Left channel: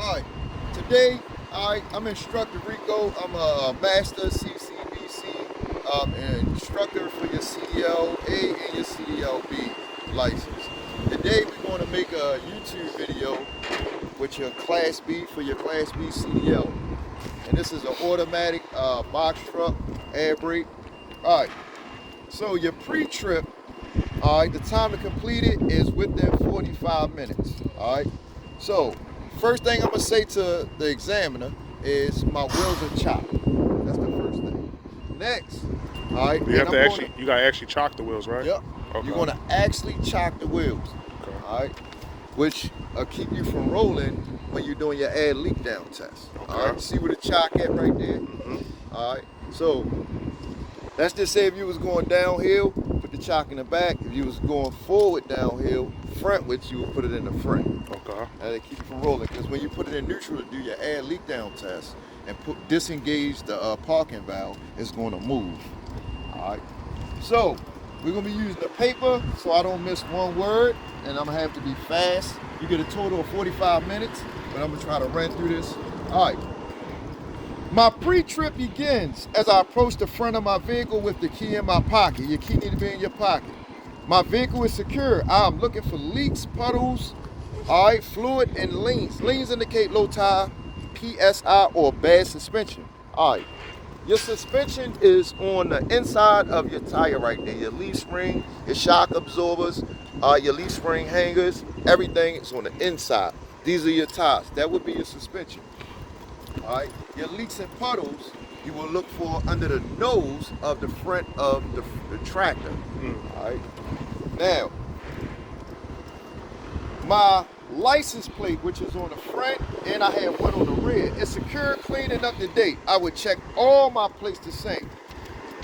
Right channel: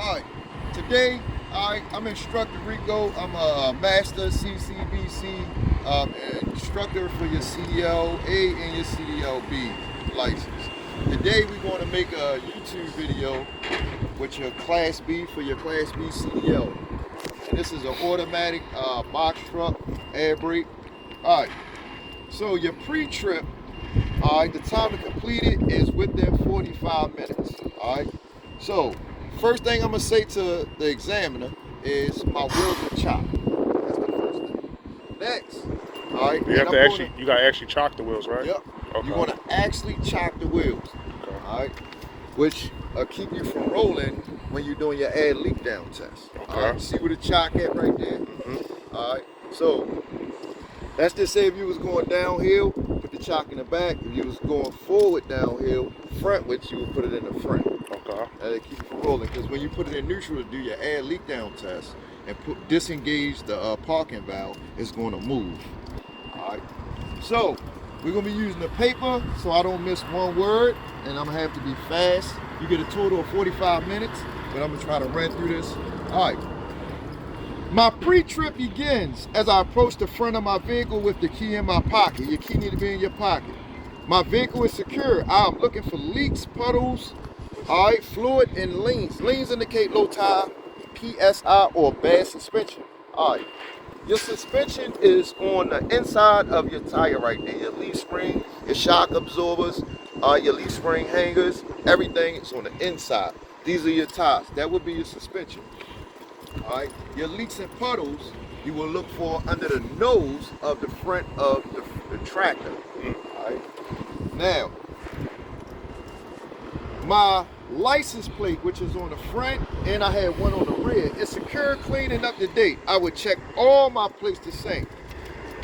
Alright, today I'm Instructor Rico. I'm a Master CCBC instructor for your CDL A and your CDL B license. Today we're going to make a YouTube video with your Class B for your Class B CDL. And this is an automatic box truck, air brake. Alright, so your pre-trip, alright, the time to complete it is within 45 minutes. Alright, so first thing I'm gonna say to the examiner is my wheels are chopped. That's the first thing. Next, all right. You gotta actually chock the wheels, right? Yep. Okay. You're gonna actually chock the wheels. Okay. All right. Which keep you from rolling when you're doing your air leak down test. Okay. All right. See where the chock at right there. Mm-hmm. All right. So let's just say if you was going downhill, put the chock in the back. If you was going forward downhill, frontwards, you would put it in the front. Okay. And keep it from rolling, because when you put it in neutral to do your air leak down test and disengage the parking valve, it's going to move. All right. So we're going to be using the paper, so I don't miss one word, and I'm going to have to be fast. You get a total of 45 minutes, but I'm going to try to run through this. All right. My pre-trip begins as I approach the front of my vehicle with the key in my pocket. Your key needs to be in your pocket. My vehicle is secure. I'm looking for leaks, puddles, all right, fluid, and leans. Leans indicate low tire, PSI, or bad suspension. All right. Your suspension is on the inside of your tire right there. Your leaf spring, your shock absorbers, your leaf spring hangers, everything is on the inside. These are your tires. That would be your suspension. All right. Your leaks and puddles, you will look for under the nose of the front of the tractor. All right. Now, my license plate, which is on the front, and I have one on the rear, is secure, clean, and up to date. I would check all my plates the same.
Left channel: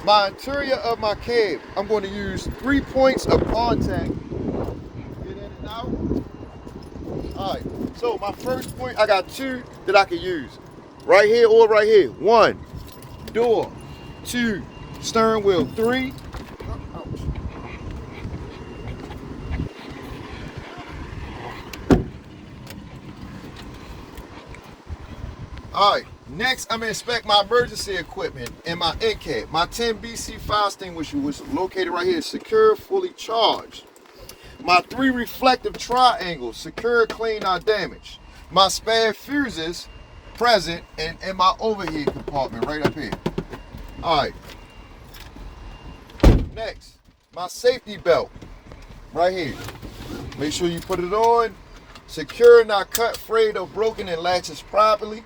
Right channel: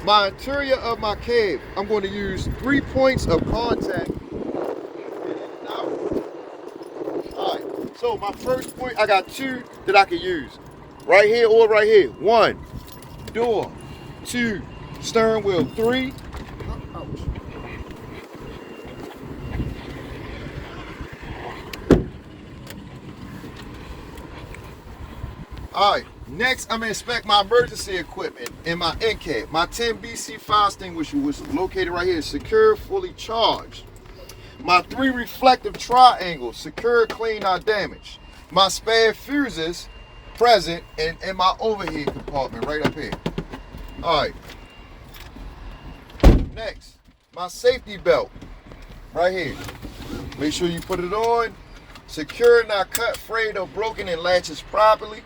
My interior of my cab, I'm going to use 3 points of contact. All right, so my first point, I got 2 that I can use. Right here or right here. 1, door. 2, steering wheel. 3, all right, next I'm gonna inspect my emergency equipment and my Incab. My 10 BC fire extinguisher was located right here, secure, fully charged. My 3 reflective triangles, secure, clean, not damaged. My spare fuses present and in my overhead compartment right up here. All right. Next, my safety belt right here. Make sure you put it on. Secure, not cut, frayed, or broken, and latches properly.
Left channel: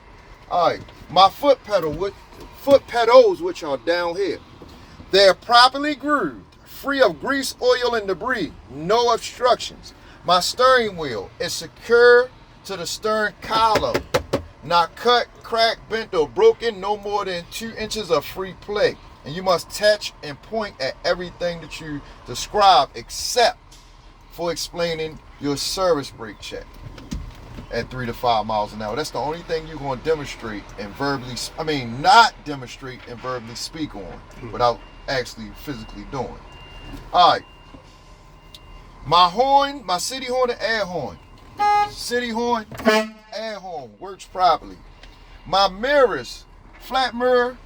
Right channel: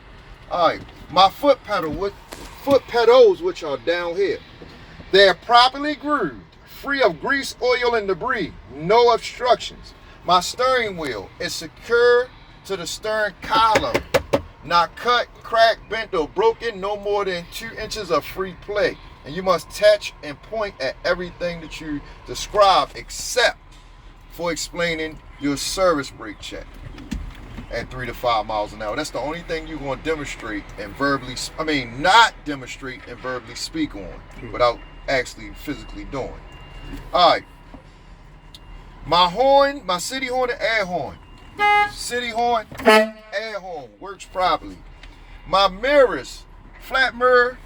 All right, my foot pedals, which are down here, they're properly grooved, free of grease, oil, and debris, no obstructions. My steering wheel is secure to the stern column, not cut, cracked, bent, or broken, no more than 2 inches of free play. And you must touch and point at everything that you describe except for explaining your service brake check at 3 to 5 miles an hour. That's the only thing you're going to demonstrate and not demonstrate and verbally speak on without actually physically doing. All right. My horn, my city horn and air horn. City horn, air horn works properly. My mirrors, flat mirror,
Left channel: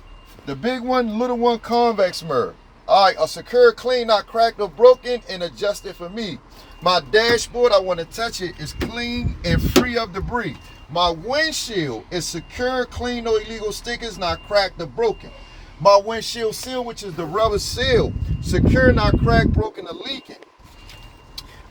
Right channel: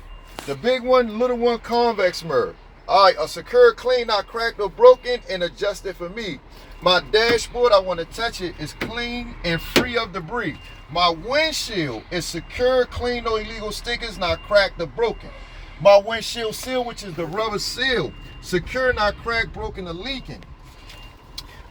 the big one, little one, convex mirror. All right, a secure, clean, not cracked or broken, and adjusted for me. My dashboard, I want to touch it, is clean and free of debris. My windshield is secure, clean, no illegal stickers, not cracked or broken. My windshield seal, which is the rubber seal, secure, not cracked, broken, or leaking.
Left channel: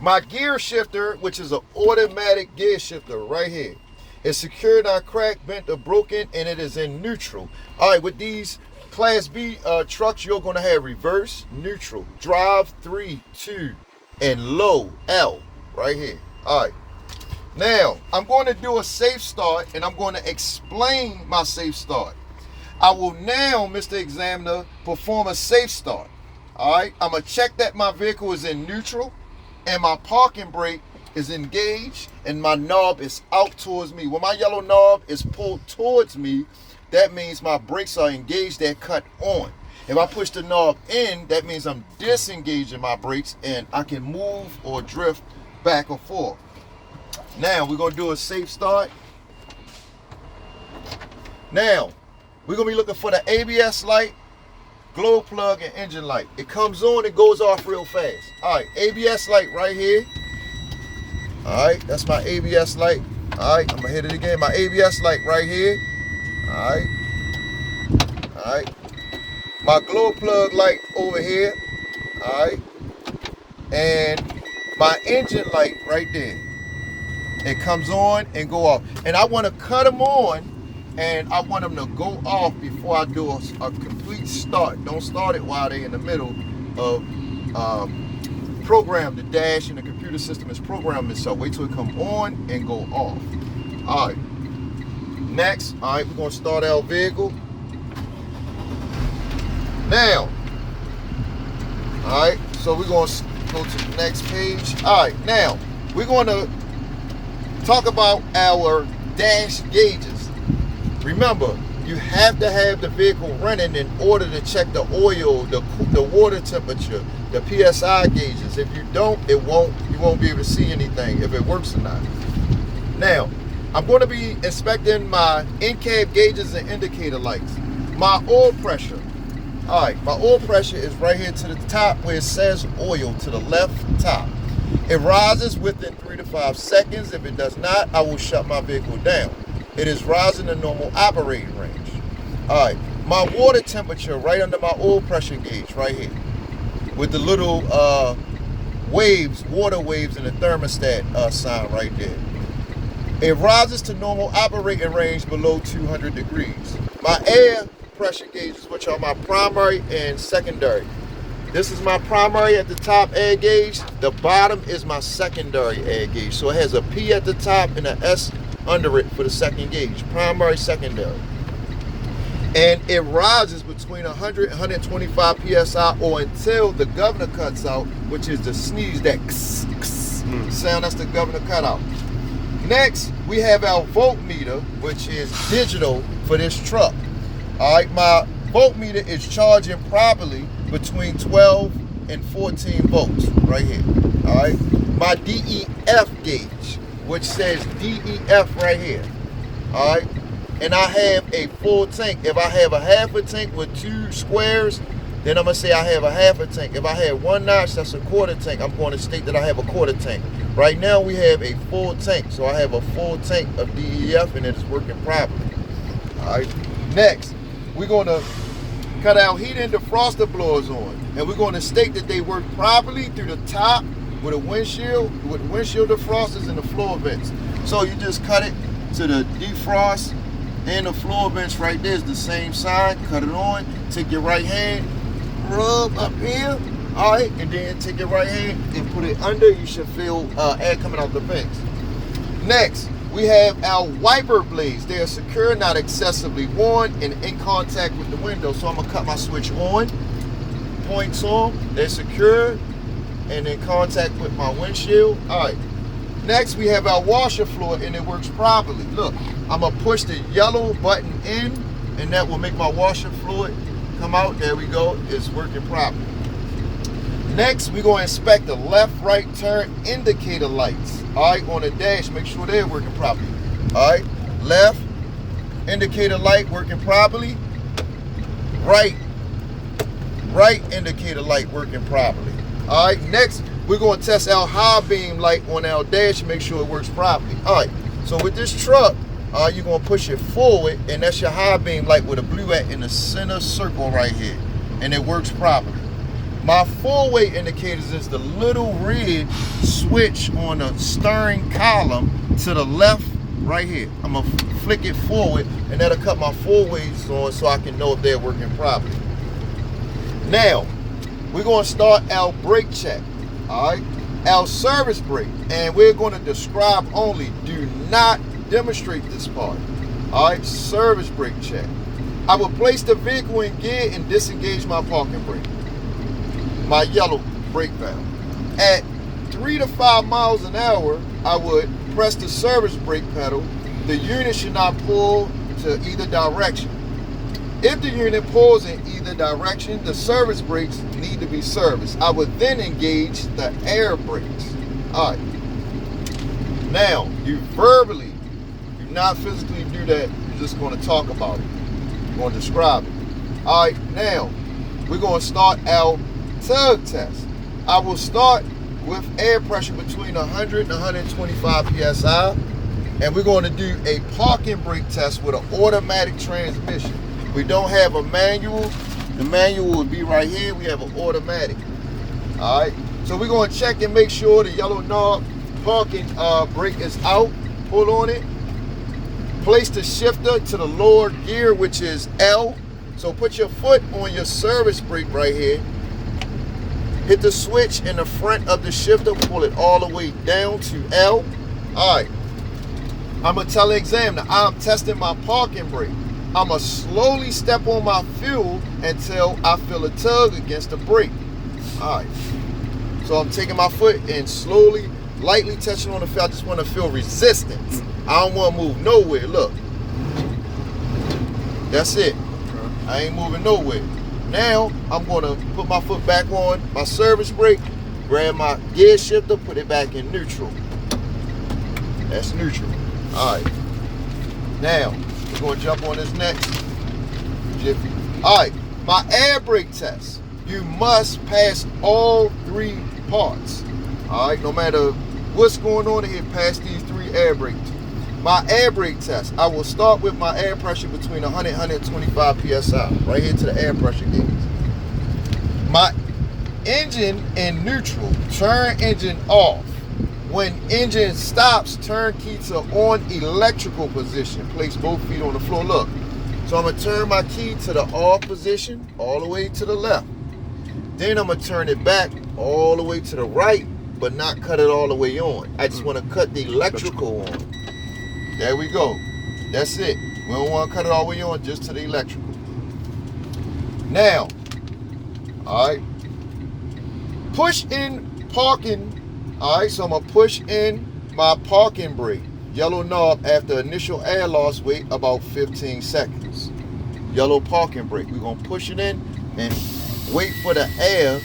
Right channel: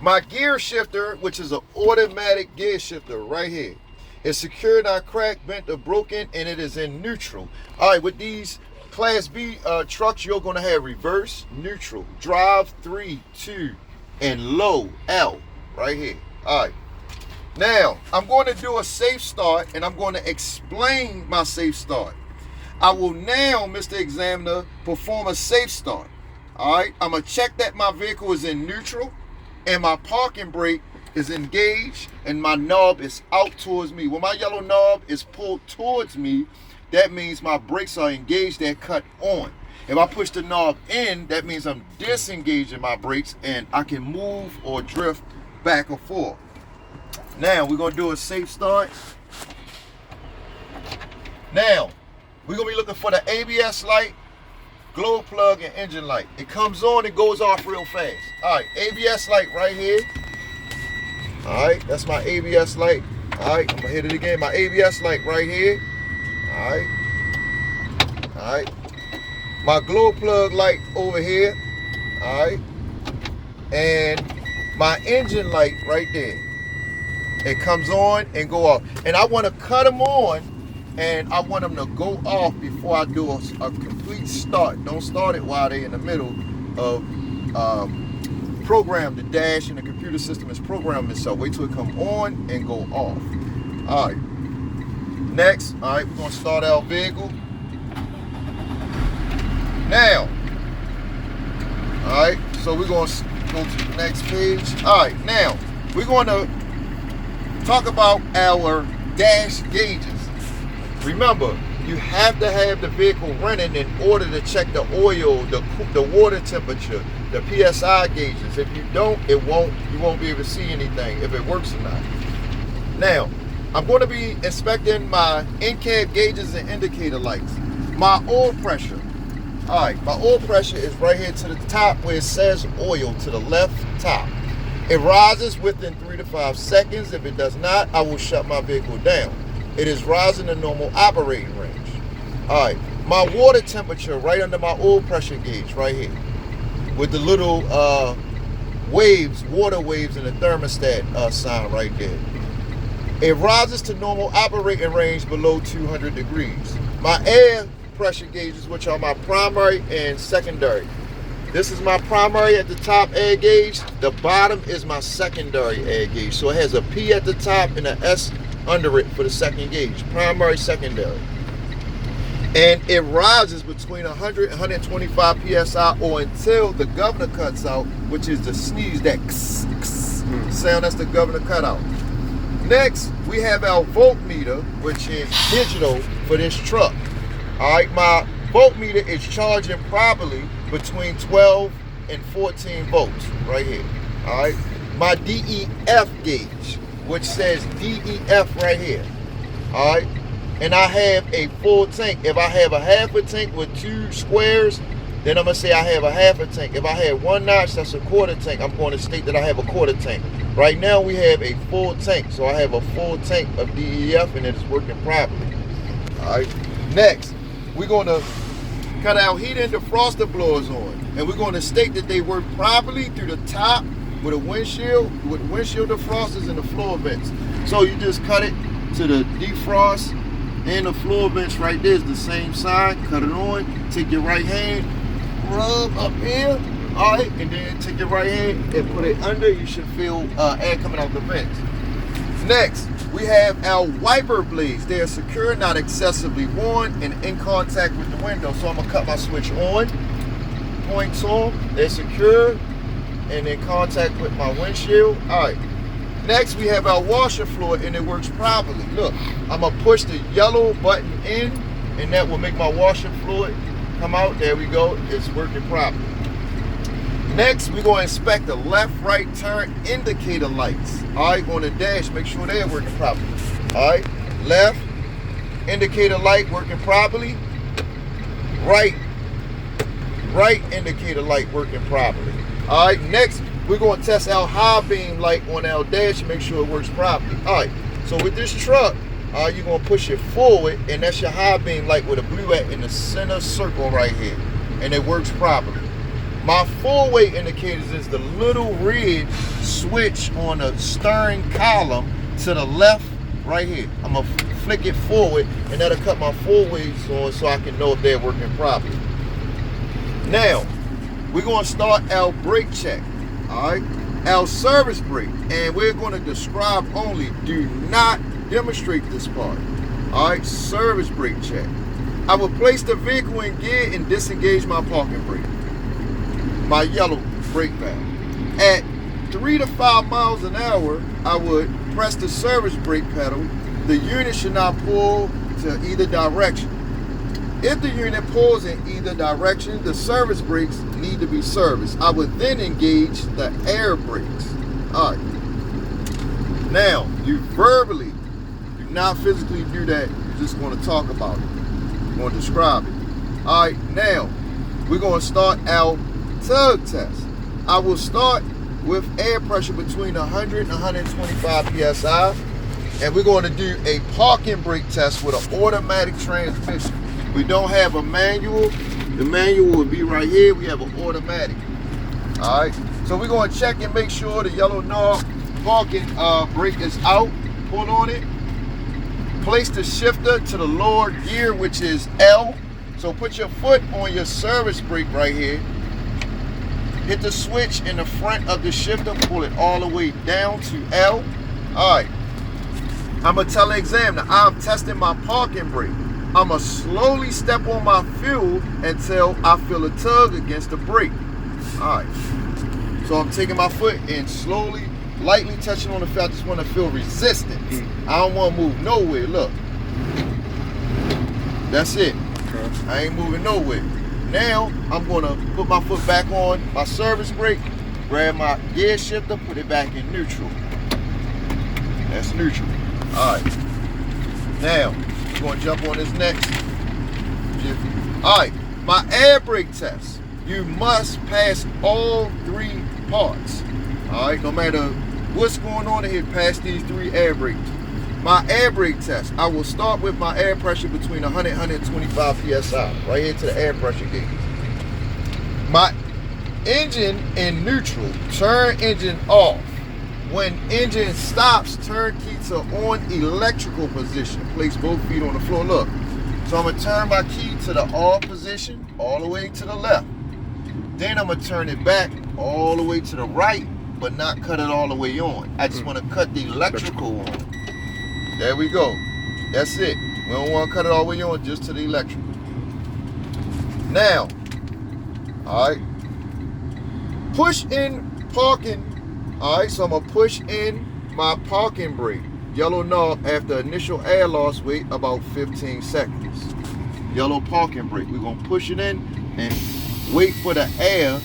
My gear shifter, which is an automatic gear shifter right here, is secure, not cracked, bent, or broken, and it is in neutral. All right, with these Class B trucks, you're going to have reverse, neutral, drive, 3, 2, and low, L, right here. All right. Now, I'm going to do a safe start, and I'm going to explain my safe start. I will now, Mr. Examiner, perform a safe start. All right. I'm going to check that my vehicle is in neutral, and my parking brake is engaged, and my knob is out towards me. When my yellow knob is pulled towards me, that means my brakes are engaged, they're cut on. If I push the knob in, that means I'm disengaging my brakes and I can move or drift back and forth. Now we're gonna do a safe start. Now, we're gonna be looking for the ABS light, glow plug, and engine light. It comes on, it goes off real fast. All right, ABS light right here. All right, that's my ABS light. All right, I'm gonna hit it again. My ABS light right here. All right. My glow plug light over here. All right. And my engine light right there. It comes on and go off. And I want to cut them on and I want them to go off before I do a complete start. Don't start it while they're in the middle of program. The dash and the computer system is programming itself. Wait till it come on and go off. All right. Next, all right, we're going to start our vehicle. Now, all right, so we're going to go to the next page. All right, now, we're going to talk about our dash gauges. Remember, you have to have the vehicle running in order to check the oil, the water temperature, the PSI gauges. If you don't, you won't be able to see anything if it works or not. Now, I'm going to be inspecting my Incab gauges and indicator lights. My oil pressure. All right, my oil pressure is right here to the top where it says oil, to the left top. It rises within 3 to 5 seconds. If it does not, I will shut my vehicle down. It is rising to normal operating range. All right, my water temperature right under my oil pressure gauge right here with the little waves, water waves, and the thermostat sign right there. It rises to normal operating range below 200 degrees. My air pressure gauges, which are my primary and secondary. This is my primary at the top air gauge. The bottom is my secondary air gauge. So it has a P at the top and an S under it for the second gauge, primary, secondary. And it rises between 100 and 125 PSI or until the governor cuts out, which is the sneeze, that sound, that's the governor cutout. Next, we have our voltmeter, which is digital for this truck. All right, my voltmeter is charging properly between 12 and 14 volts right here. All right, my DEF gauge, which says DEF right here. All right, and I have a full tank. If I have a half a tank with 2 squares, then I'm gonna say I have a half a tank. If I have 1 notch, that's a quarter tank. I'm going to state that I have a quarter tank. Right now we have a full tank, so I have a full tank of DEF and it's working properly. All right, next we're going to cut our heat and defroster blowers on, and we're going to state that they work properly through the top with a windshield, with windshield defrosters and the floor vents. So you just cut it to the defrost and the floor vents right there is the same side. Cut it on, take your right hand, rub up here, all right, and then take your right hand and put it under. You should feel air coming out the vents. Next, we have our wiper blades. They are secure, not excessively worn, and in contact with the window. So I'm gonna cut my switch on, points on, they're secure, and in contact with my windshield. All right. Next, we have our washer fluid, and it works properly. Look, I'm gonna push the yellow button in, and that will make my washer fluid come out. There we go, it's working properly. Next, we're going to inspect the left, right turn indicator lights. All right, on the dash, make sure they're working properly. All right, left indicator light working properly. Right indicator light working properly. All right, next, we're going to test our high beam light on our dash and make sure it works properly. All right, so with this truck, you're going to push it forward, and that's your high beam light with a blue at in the center circle right here, and it works properly. My forward indicators is the little red switch on the steering column to the left right here. I'm gonna flick it forward, and that'll cut my forwards on so I can know if they're working properly. Now, we're gonna start our brake check, all right? Our service brake, and we're gonna describe only, do not demonstrate this part, all right? Service brake check. I will place the vehicle in gear and disengage my parking brake, my yellow brake valve. At 3 to 5 miles an hour, I would press the service brake pedal. The unit should not pull to either direction. If the unit pulls in either direction, the service brakes need to be serviced. I would then engage the air brakes. All right. Now, you verbally do not physically do that. We're just going to talk about it. We're going to describe it. All right, now we're going to start our tug test. I will start with air pressure between 100 and 125 psi, and we're going to do a parking brake test with an automatic transmission. We don't have a manual. The manual will be right here. We have an automatic. All right, so we're going to check and make sure the yellow knob parking brake is out. Pull on it. Place the shifter to the lower gear, which is L. So put your foot on your service brake right here. Hit the switch in the front of the shifter. Pull it all the way down to L. All right. I'm going to tell the examiner I'm testing my parking brake. I'm going to slowly step on my fuel until I feel a tug against the brake. All right. So I'm taking my foot and slowly, lightly touching on the fuel. I just want to feel resistance. I don't want to move nowhere. Look. That's it. Okay. I ain't moving nowhere. Now, I'm going to put my foot back on my service brake, grab my gear shifter, put it back in neutral. That's neutral. All right. Now, we're going to jump on this next jiffy. All right. My air brake test. You must pass all 3 parts. All right. No matter what's going on here, pass these 3 air brakes. My air brake test. I will start with my air pressure between 100 and 125 psi. Right here to the air pressure gauge. My engine in neutral. Turn engine off. When engine stops, turn key to on electrical position. Place both feet on the floor. Look. So I'm going to turn my key to the off position all the way to the left. Then I'm going to turn it back all the way to the right, but not cut it all the way on. I just want to cut the electrical on. There we go. That's it. We don't want to cut it all the way on, just to the electrical. Now, all right. Push in parking. All right, so I'm going to push in my parking brake. Yellow knob after initial air loss, wait about 15 seconds. Yellow parking brake. We're going to push it in and wait for the air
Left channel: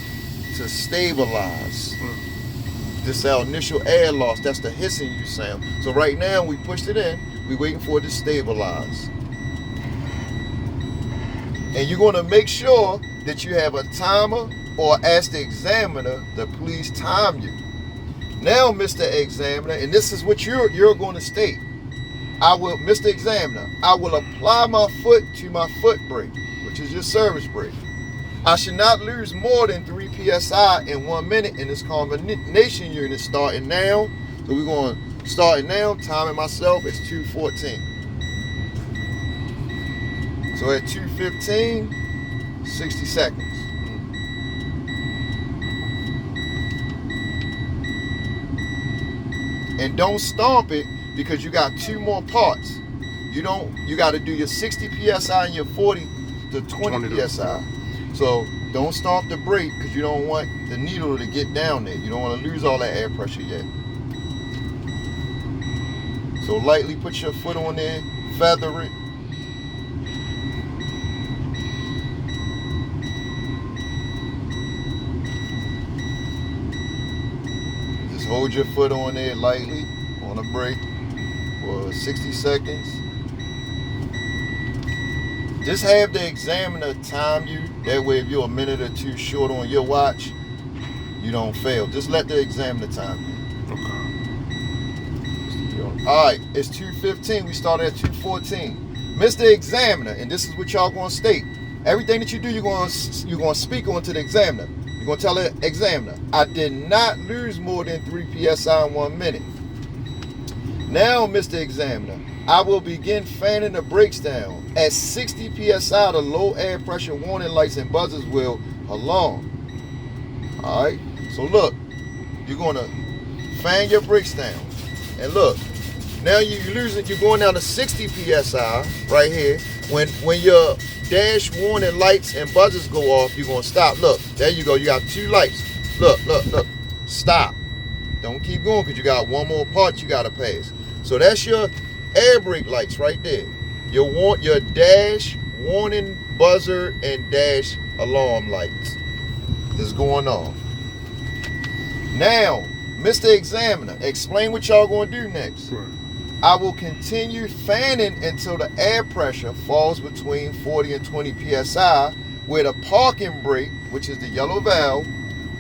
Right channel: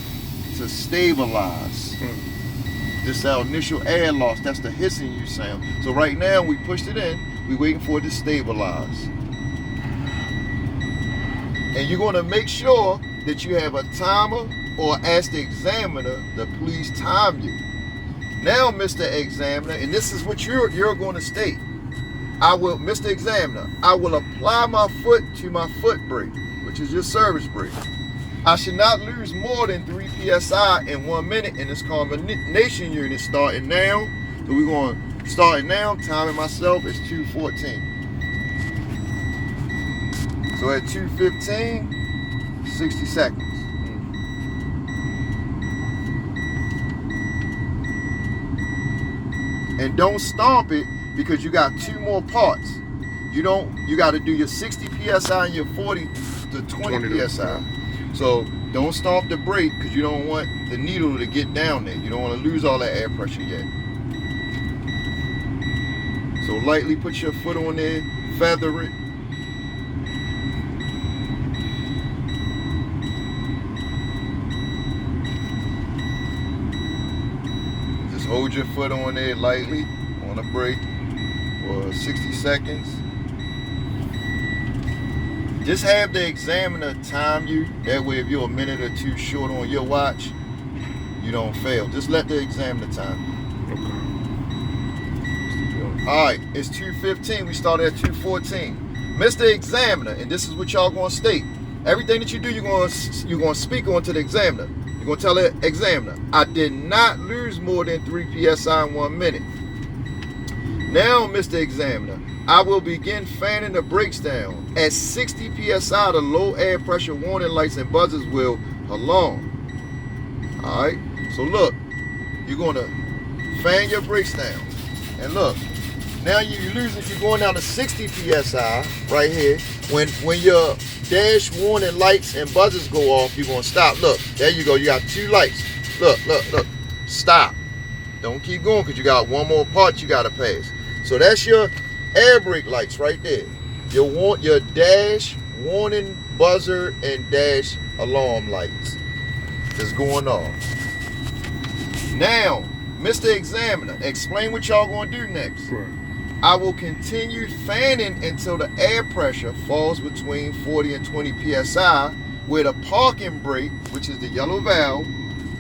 to stabilize. This is our initial air loss. That's the hissing you sound. So right now, we pushed it in. We're waiting for it to stabilize. And you're going to make sure that you have a timer or ask the examiner to please time you. Now, Mr. Examiner, and this is what you're going to state. Mr. Examiner, I will apply my foot to my foot brake, which is your service brake. I should not lose more than 3 psi in 1 minute in this combination unit starting now. So we're going to start it now. Timing myself is 2:14. So at 2:15, 60 seconds. And don't stomp it because you got 2 more parts. You got to do your 60 psi and your 40 to 20 psi. So don't stomp the brake because you don't want the needle to get down there. You don't want to lose all that air pressure yet. So lightly put your foot on there, feather it. Just hold your foot on there lightly on the brake for 60 seconds. Just have the examiner time you. That way, if you're a minute or 2 short on your watch, you don't fail. Just let the examiner time you. Okay. All right, it's 2:15. We started at 2:14. Mr. Examiner, and this is what y'all gonna state. Everything that you do, you're gonna speak on to the examiner. You're gonna tell the examiner, I did not lose more than 3 psi in 1 minute. Now, Mr. Examiner, I will begin fanning the brakes down. At 60 psi, the low air pressure warning lights and buzzers will alarm. All right. So look, you're gonna fan your brakes down, and look. Now you're losing. You're going down to 60 psi right here. When your dash warning lights and buzzers go off, you're gonna stop. Look, there you go. You got 2 lights. Look. Stop. Don't keep going because you got 1 more part you gotta pass. So that's your air brake lights right there. Your dash warning buzzer and dash alarm lights is going off. Now, Mr. Examiner, explain what y'all gonna do next. Right. I will continue fanning until the air pressure falls between 40 and 20 psi, where the parking brake, which is the yellow valve,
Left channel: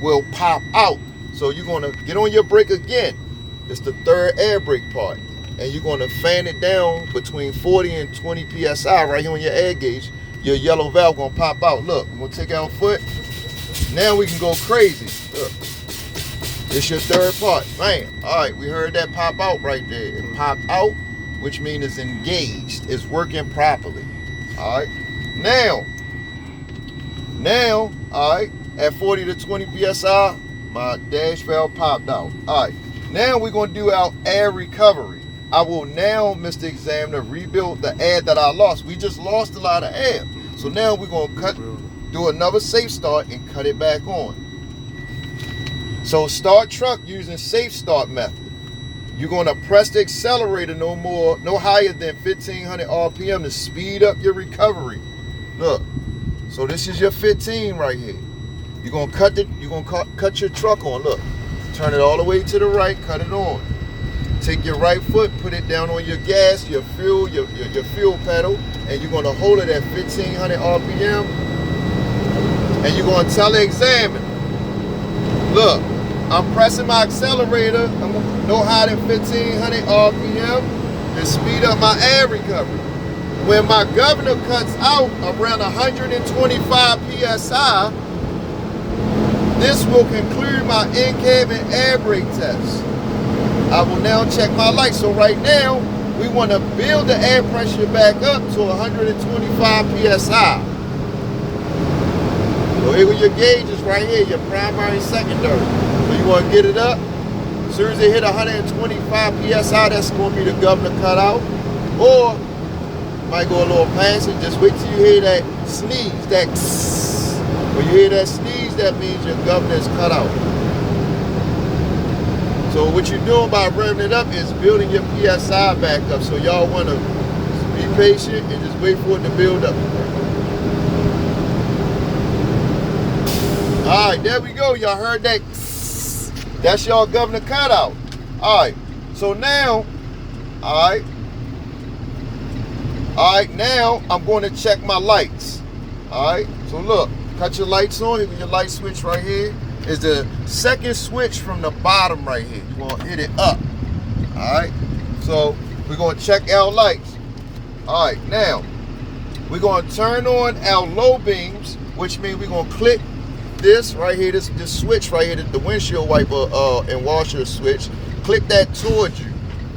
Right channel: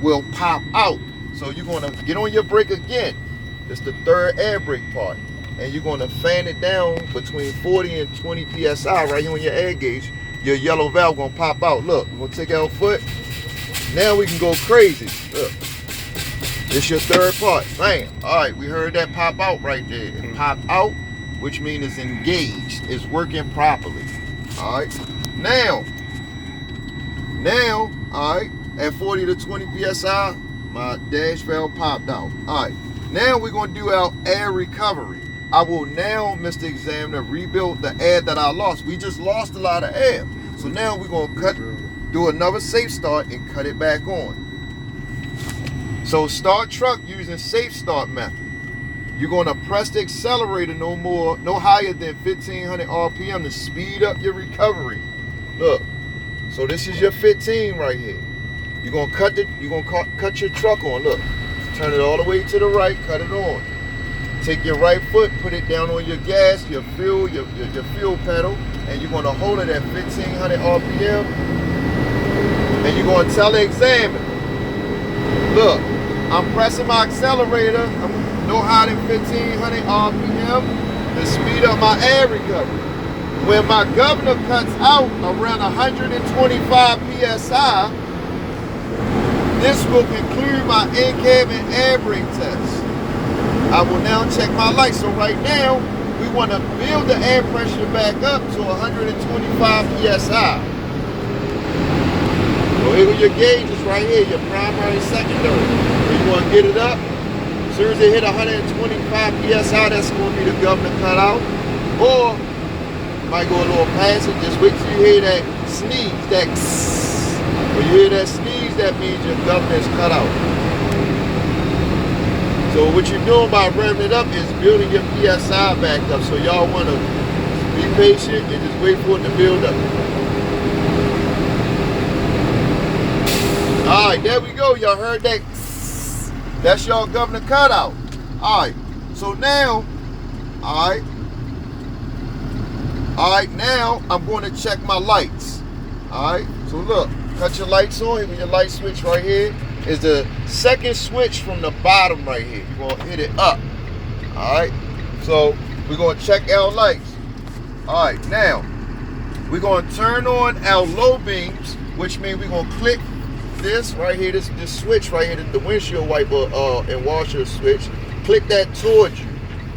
will pop out. So you're going to get on your brake again. It's the third air brake part. And you're going to fan it down between 40 and 20 psi right here on your air gauge. Your yellow valve going to pop out. Look, we're going to take our foot. Now we can go crazy. Look. This your third part. Bam. All right, we heard that pop out right there. It popped out, which means it's engaged. It's working properly. All right. Now, all right, at 40 to 20 psi, my dash valve popped out. All right. Now we're going to do our air recovery. I will now, Mr. Examiner, rebuild the air that I lost. We just lost a lot of air. So now we're going to do another safe start and cut it back on. So start truck using safe start method. You're going to press the accelerator no higher than 1500 RPM to speed up your recovery. Look, so this is your 15 right here. You're going to cut your truck on. Look, turn it all the way to the right, cut it on. Take your right foot, put it down on your gas, your fuel, your fuel pedal, and you're going to hold it at 1500 RPM. And you're going to tell the examiner, look, I'm pressing my accelerator no higher than 1500 RPM to speed up my air recovery. When my governor cuts out around 125 PSI, this will conclude my Incab and air brake test. I will now check my lights. So right now, we want to build the air pressure back up to 125 PSI. So here go your gauges right here, your primary and secondary. So you want to get it up. As soon as it hit 125 PSI, that's going to be the governor cut out. Or might go a little past it. Just wait till you hear that sneeze, that tss. When you hear that sneeze, that means your governor is cut out. So what you're doing by revving it up is building your PSI back up. So y'all want to be patient and just wait for it to build up. All right, there we go. Y'all heard that? That's y'all governor cutout. All right, so now, all right, now I'm going to check my lights. All right, so look, cut your lights on. Here, your light switch right here is the second switch from the bottom right here. You're going to hit it up. All right, so we're going to check our lights. All right, now we're going to turn on our low beams, which means we're going to click this right here, this switch right here, the windshield wiper and washer switch. Click that towards you.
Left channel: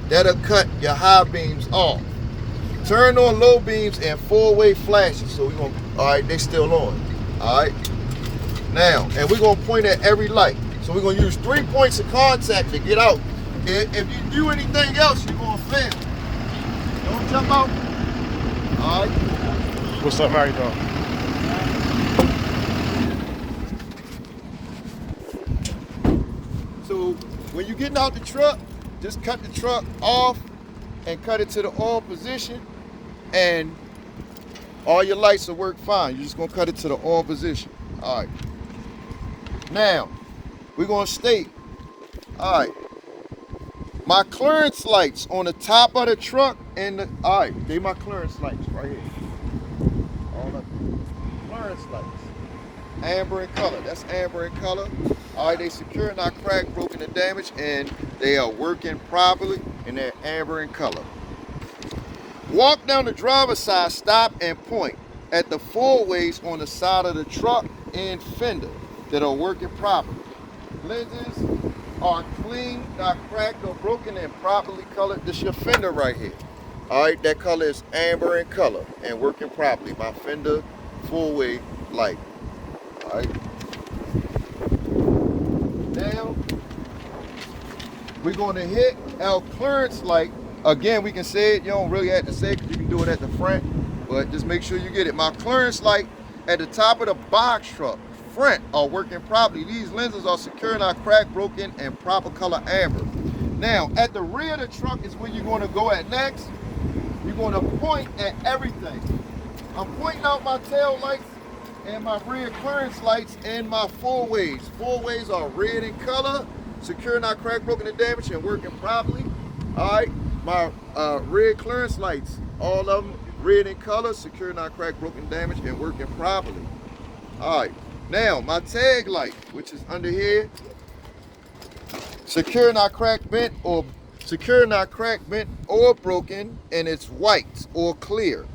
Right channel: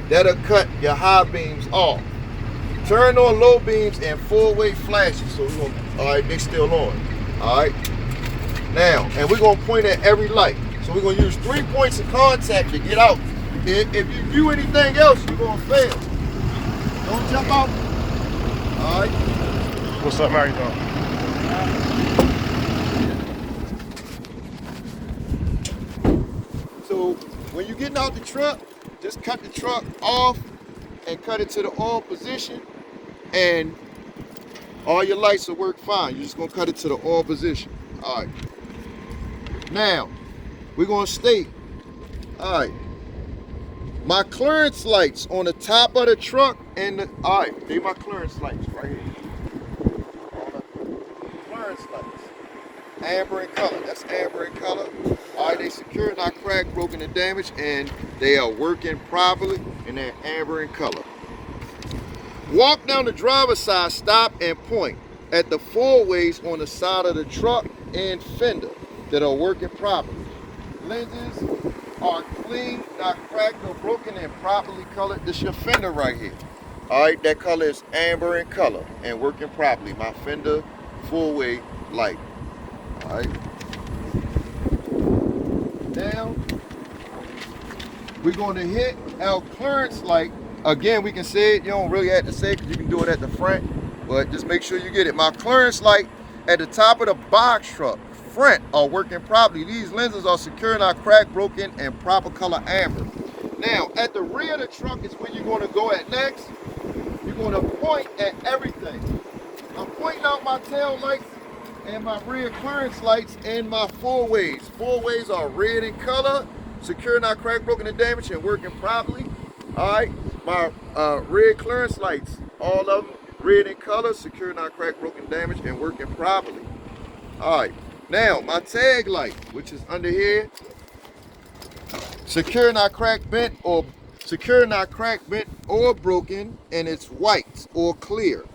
That'll cut your high beams off. Turn on low beams and four-way flashes. So we're going to, all right, they still on. All right. Now, and we're going to point at every light. So we're going to use 3 points of contact to get out. If you do anything else, you're going to fail. Don't jump out. All right. What's up, how you doing? So when you're getting out the truck, just cut the truck off and cut it to the on position, and all your lights will work fine. You're just going to cut it to the on position. All right. Now, we're going to state, all right, my clearance lights on the top of the truck and all right, they my clearance lights right here. All the clearance lights. Amber in color, that's amber in color. All right, they secure, not cracked, broken, and damaged, and they are working properly, and they're amber in color. Walk down the driver's side, stop and point at the four-ways on the side of the truck and fender that are working properly. Lenses are clean, not cracked or broken, and properly colored. This is your fender right here. All right, that color is amber in color and working properly. My fender four-way light. All right. Now, we're going to hit our clearance light. Again, we can say it. You don't really have to say it because you can do it at the front, but just make sure you get it. My clearance light at the top of the box truck front are working properly. These lenses are secure, not cracked, broken, and proper color amber. Now, at the rear of the truck is where you're going to go at next. You're going to point at everything. I'm pointing out my tail lights and my rear clearance lights and my four-ways. Four-ways are red in color, secure, not cracked, broken, and damaged, and working properly. All right. my red clearance lights, all of them red in color, secure, not cracked, broken, damaged, and working properly. All right, now my tag light, which is under here, secure, not cracked, bent, or broken, and it's white or clear.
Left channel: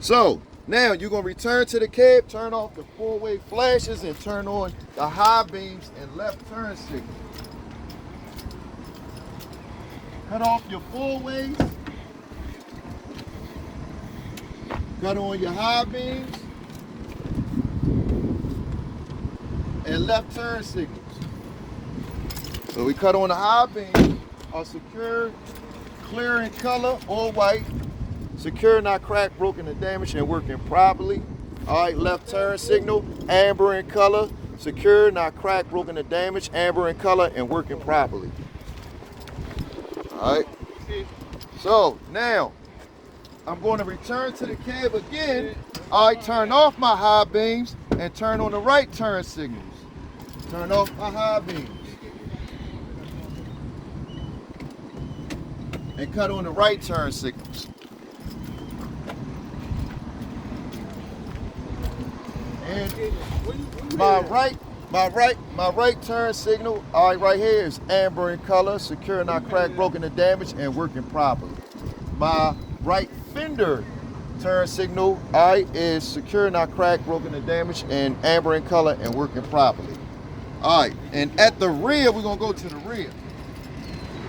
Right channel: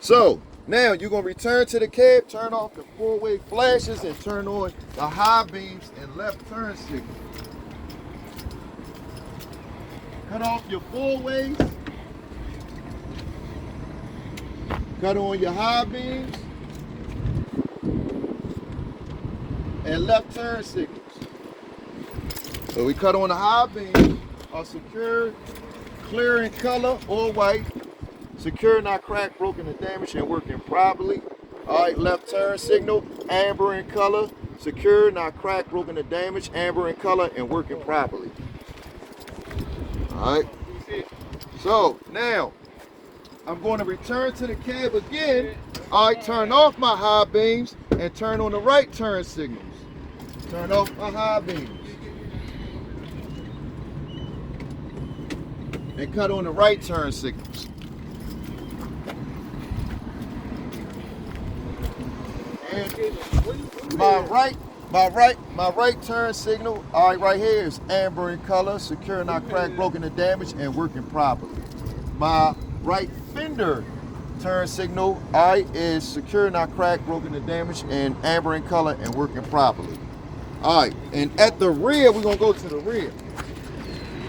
So now you're gonna return to the cab, turn off the four-way flashes, and turn on the high beams and left turn signal. Cut off your four-ways. Cut on your high beams and left turn signals. So we cut on the high beams, are secure, clear in color or white, secure, not cracked, broken, or damaged, and working properly. All right, left turn signal, amber in color, secure, not cracked, broken, or damaged, amber in color, and working properly. All right, so now I'm going to return to the cab again. I turn off my high beams and turn on the right turn signals. Turn off my high beams. And cut on the right turn signals. And my right turn signal, all right, right here is amber in color, secure, not cracked, broken, or damaged, and working properly. My right fender turn signal, all right, is secure, not cracked, broken, or damaged, and amber in color and working properly. All right, and at the rear, we're gonna go to the rear.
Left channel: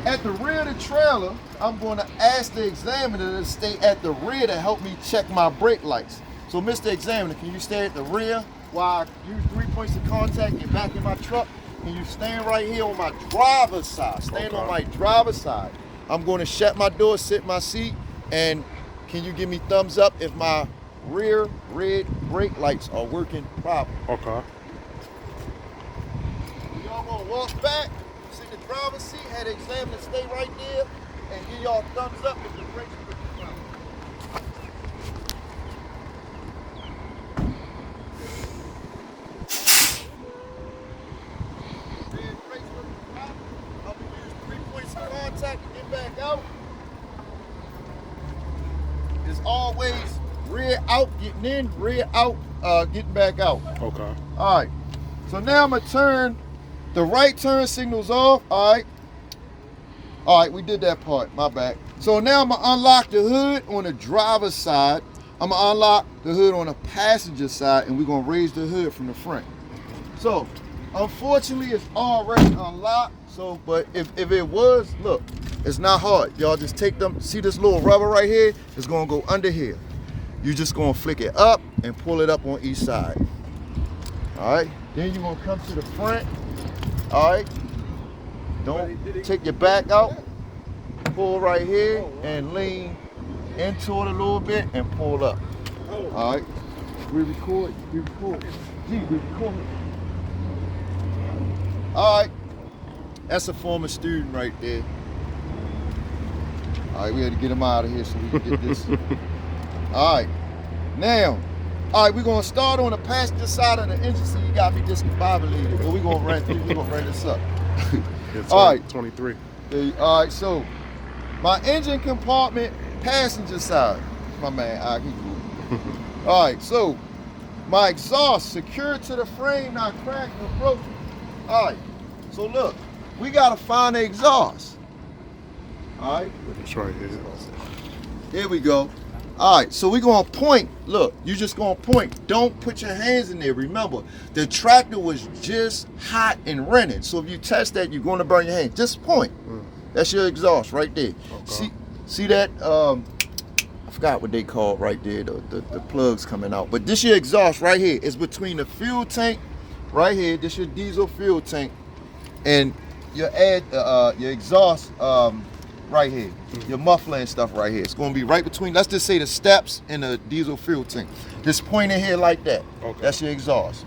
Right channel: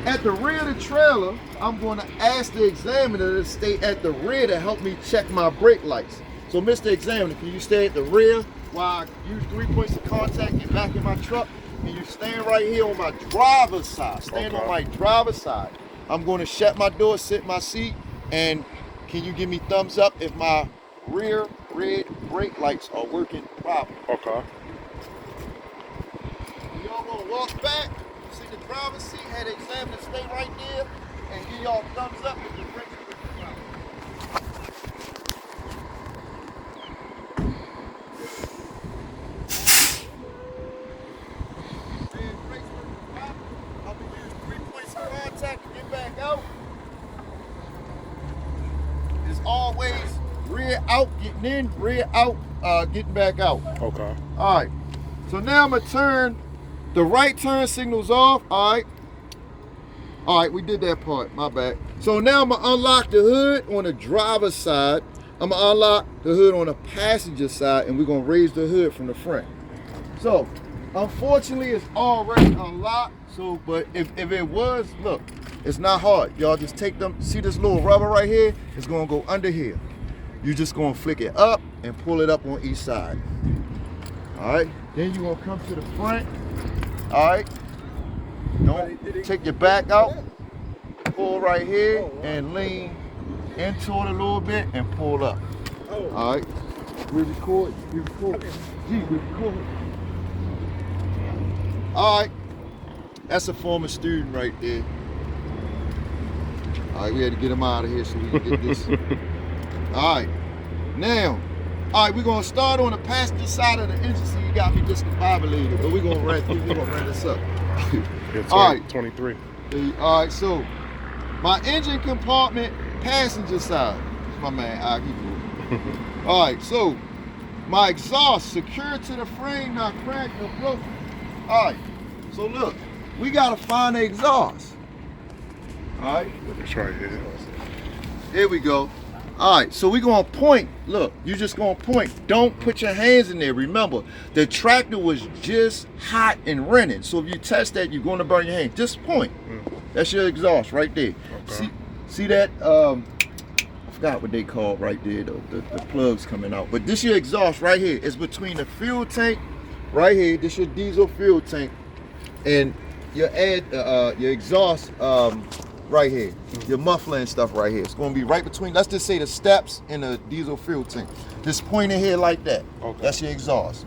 At the rear of the trailer, I'm gonna ask the examiner to stay at the rear to help me check my brake lights. So Mr. Examiner, can you stay at the rear while I use 3 points of contact and back in my truck? And you stand right here on my driver's side. Stand on my driver's side. I'm gonna shut my door, sit in my seat, and can you give me thumbs up if my rear red brake lights are working properly? Okay. Y'all gonna walk back, sit in the driver's seat, have the examiner stay right there, and give y'all thumbs up if the brakes are working properly. It's always rear out, getting in, rear out, getting back out. Okay. All right. So now I'm gonna turn the right turn signals off. All right. All right, we did that part. My bad. So now I'm gonna unlock the hood on the driver's side. I'm gonna unlock the hood on the passenger side, and we're gonna raise the hood from the front. So, unfortunately, it's already unlocked. So, but if it was, look, it's not hard. Y'all just take them, see this little rubber right here? It's gonna go under here. You're just gonna flick it up and pull it up on each side. All right, then you're gonna come to the front. All right, don't take your back out. Pull right here and lean into it a little bit and pull up. All right, we record. All right, that's a former student right there. All right, we had to get him out of here so we can get this. All right, now, all right, we're gonna start on the passenger side of the engine so you got me discombobulated, but we're gonna run this up. Yeah, all right, 23. All right, so my engine compartment passenger side. My man, all right, so my exhaust secured to the frame, not cracked or broken. All right, so look, we gotta find the exhaust. All right, It's right here. there we go. All right, so we're gonna point. Look, you just gonna point. Don't put your hands in there. Remember, the tractor was just hot and running. So if you touch that, you're gonna burn your hand. Just point. That's your exhaust right there. Okay. See that? I forgot what they call right there. The plugs coming out. But this your exhaust right here. It's between the fuel tank right here. This your diesel fuel tank, and your exhaust right here. Your muffler and stuff right here. It's gonna be right between, let's just say the steps and the diesel fuel tank. Just point in here like that. Okay. That's your exhaust.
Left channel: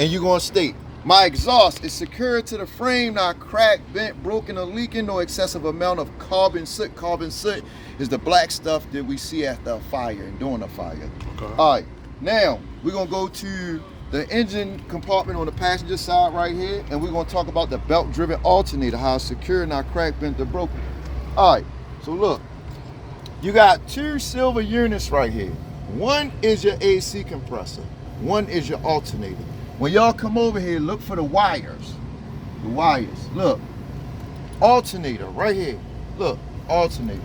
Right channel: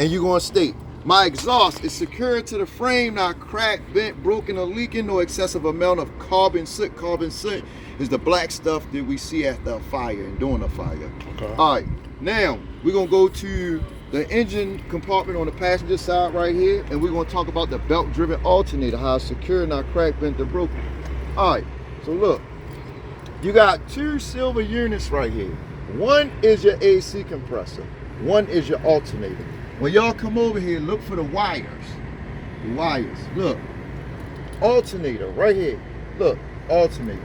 And you're gonna state, my exhaust is secured to the frame, not cracked, bent, broken, or leaking, no excessive amount of carbon soot. Carbon soot is the black stuff that we see after a fire and during a fire. Okay. All right, now we're gonna go to the engine compartment on the passenger side right here, and we're gonna talk about the belt-driven alternator, how it's secure, not cracked, bent, or broken. All right, so look, you got two silver units right here. One is your AC compressor, one is your alternator. When y'all come over here, look for the wires. The wires, look. Alternator right here. Look, alternator.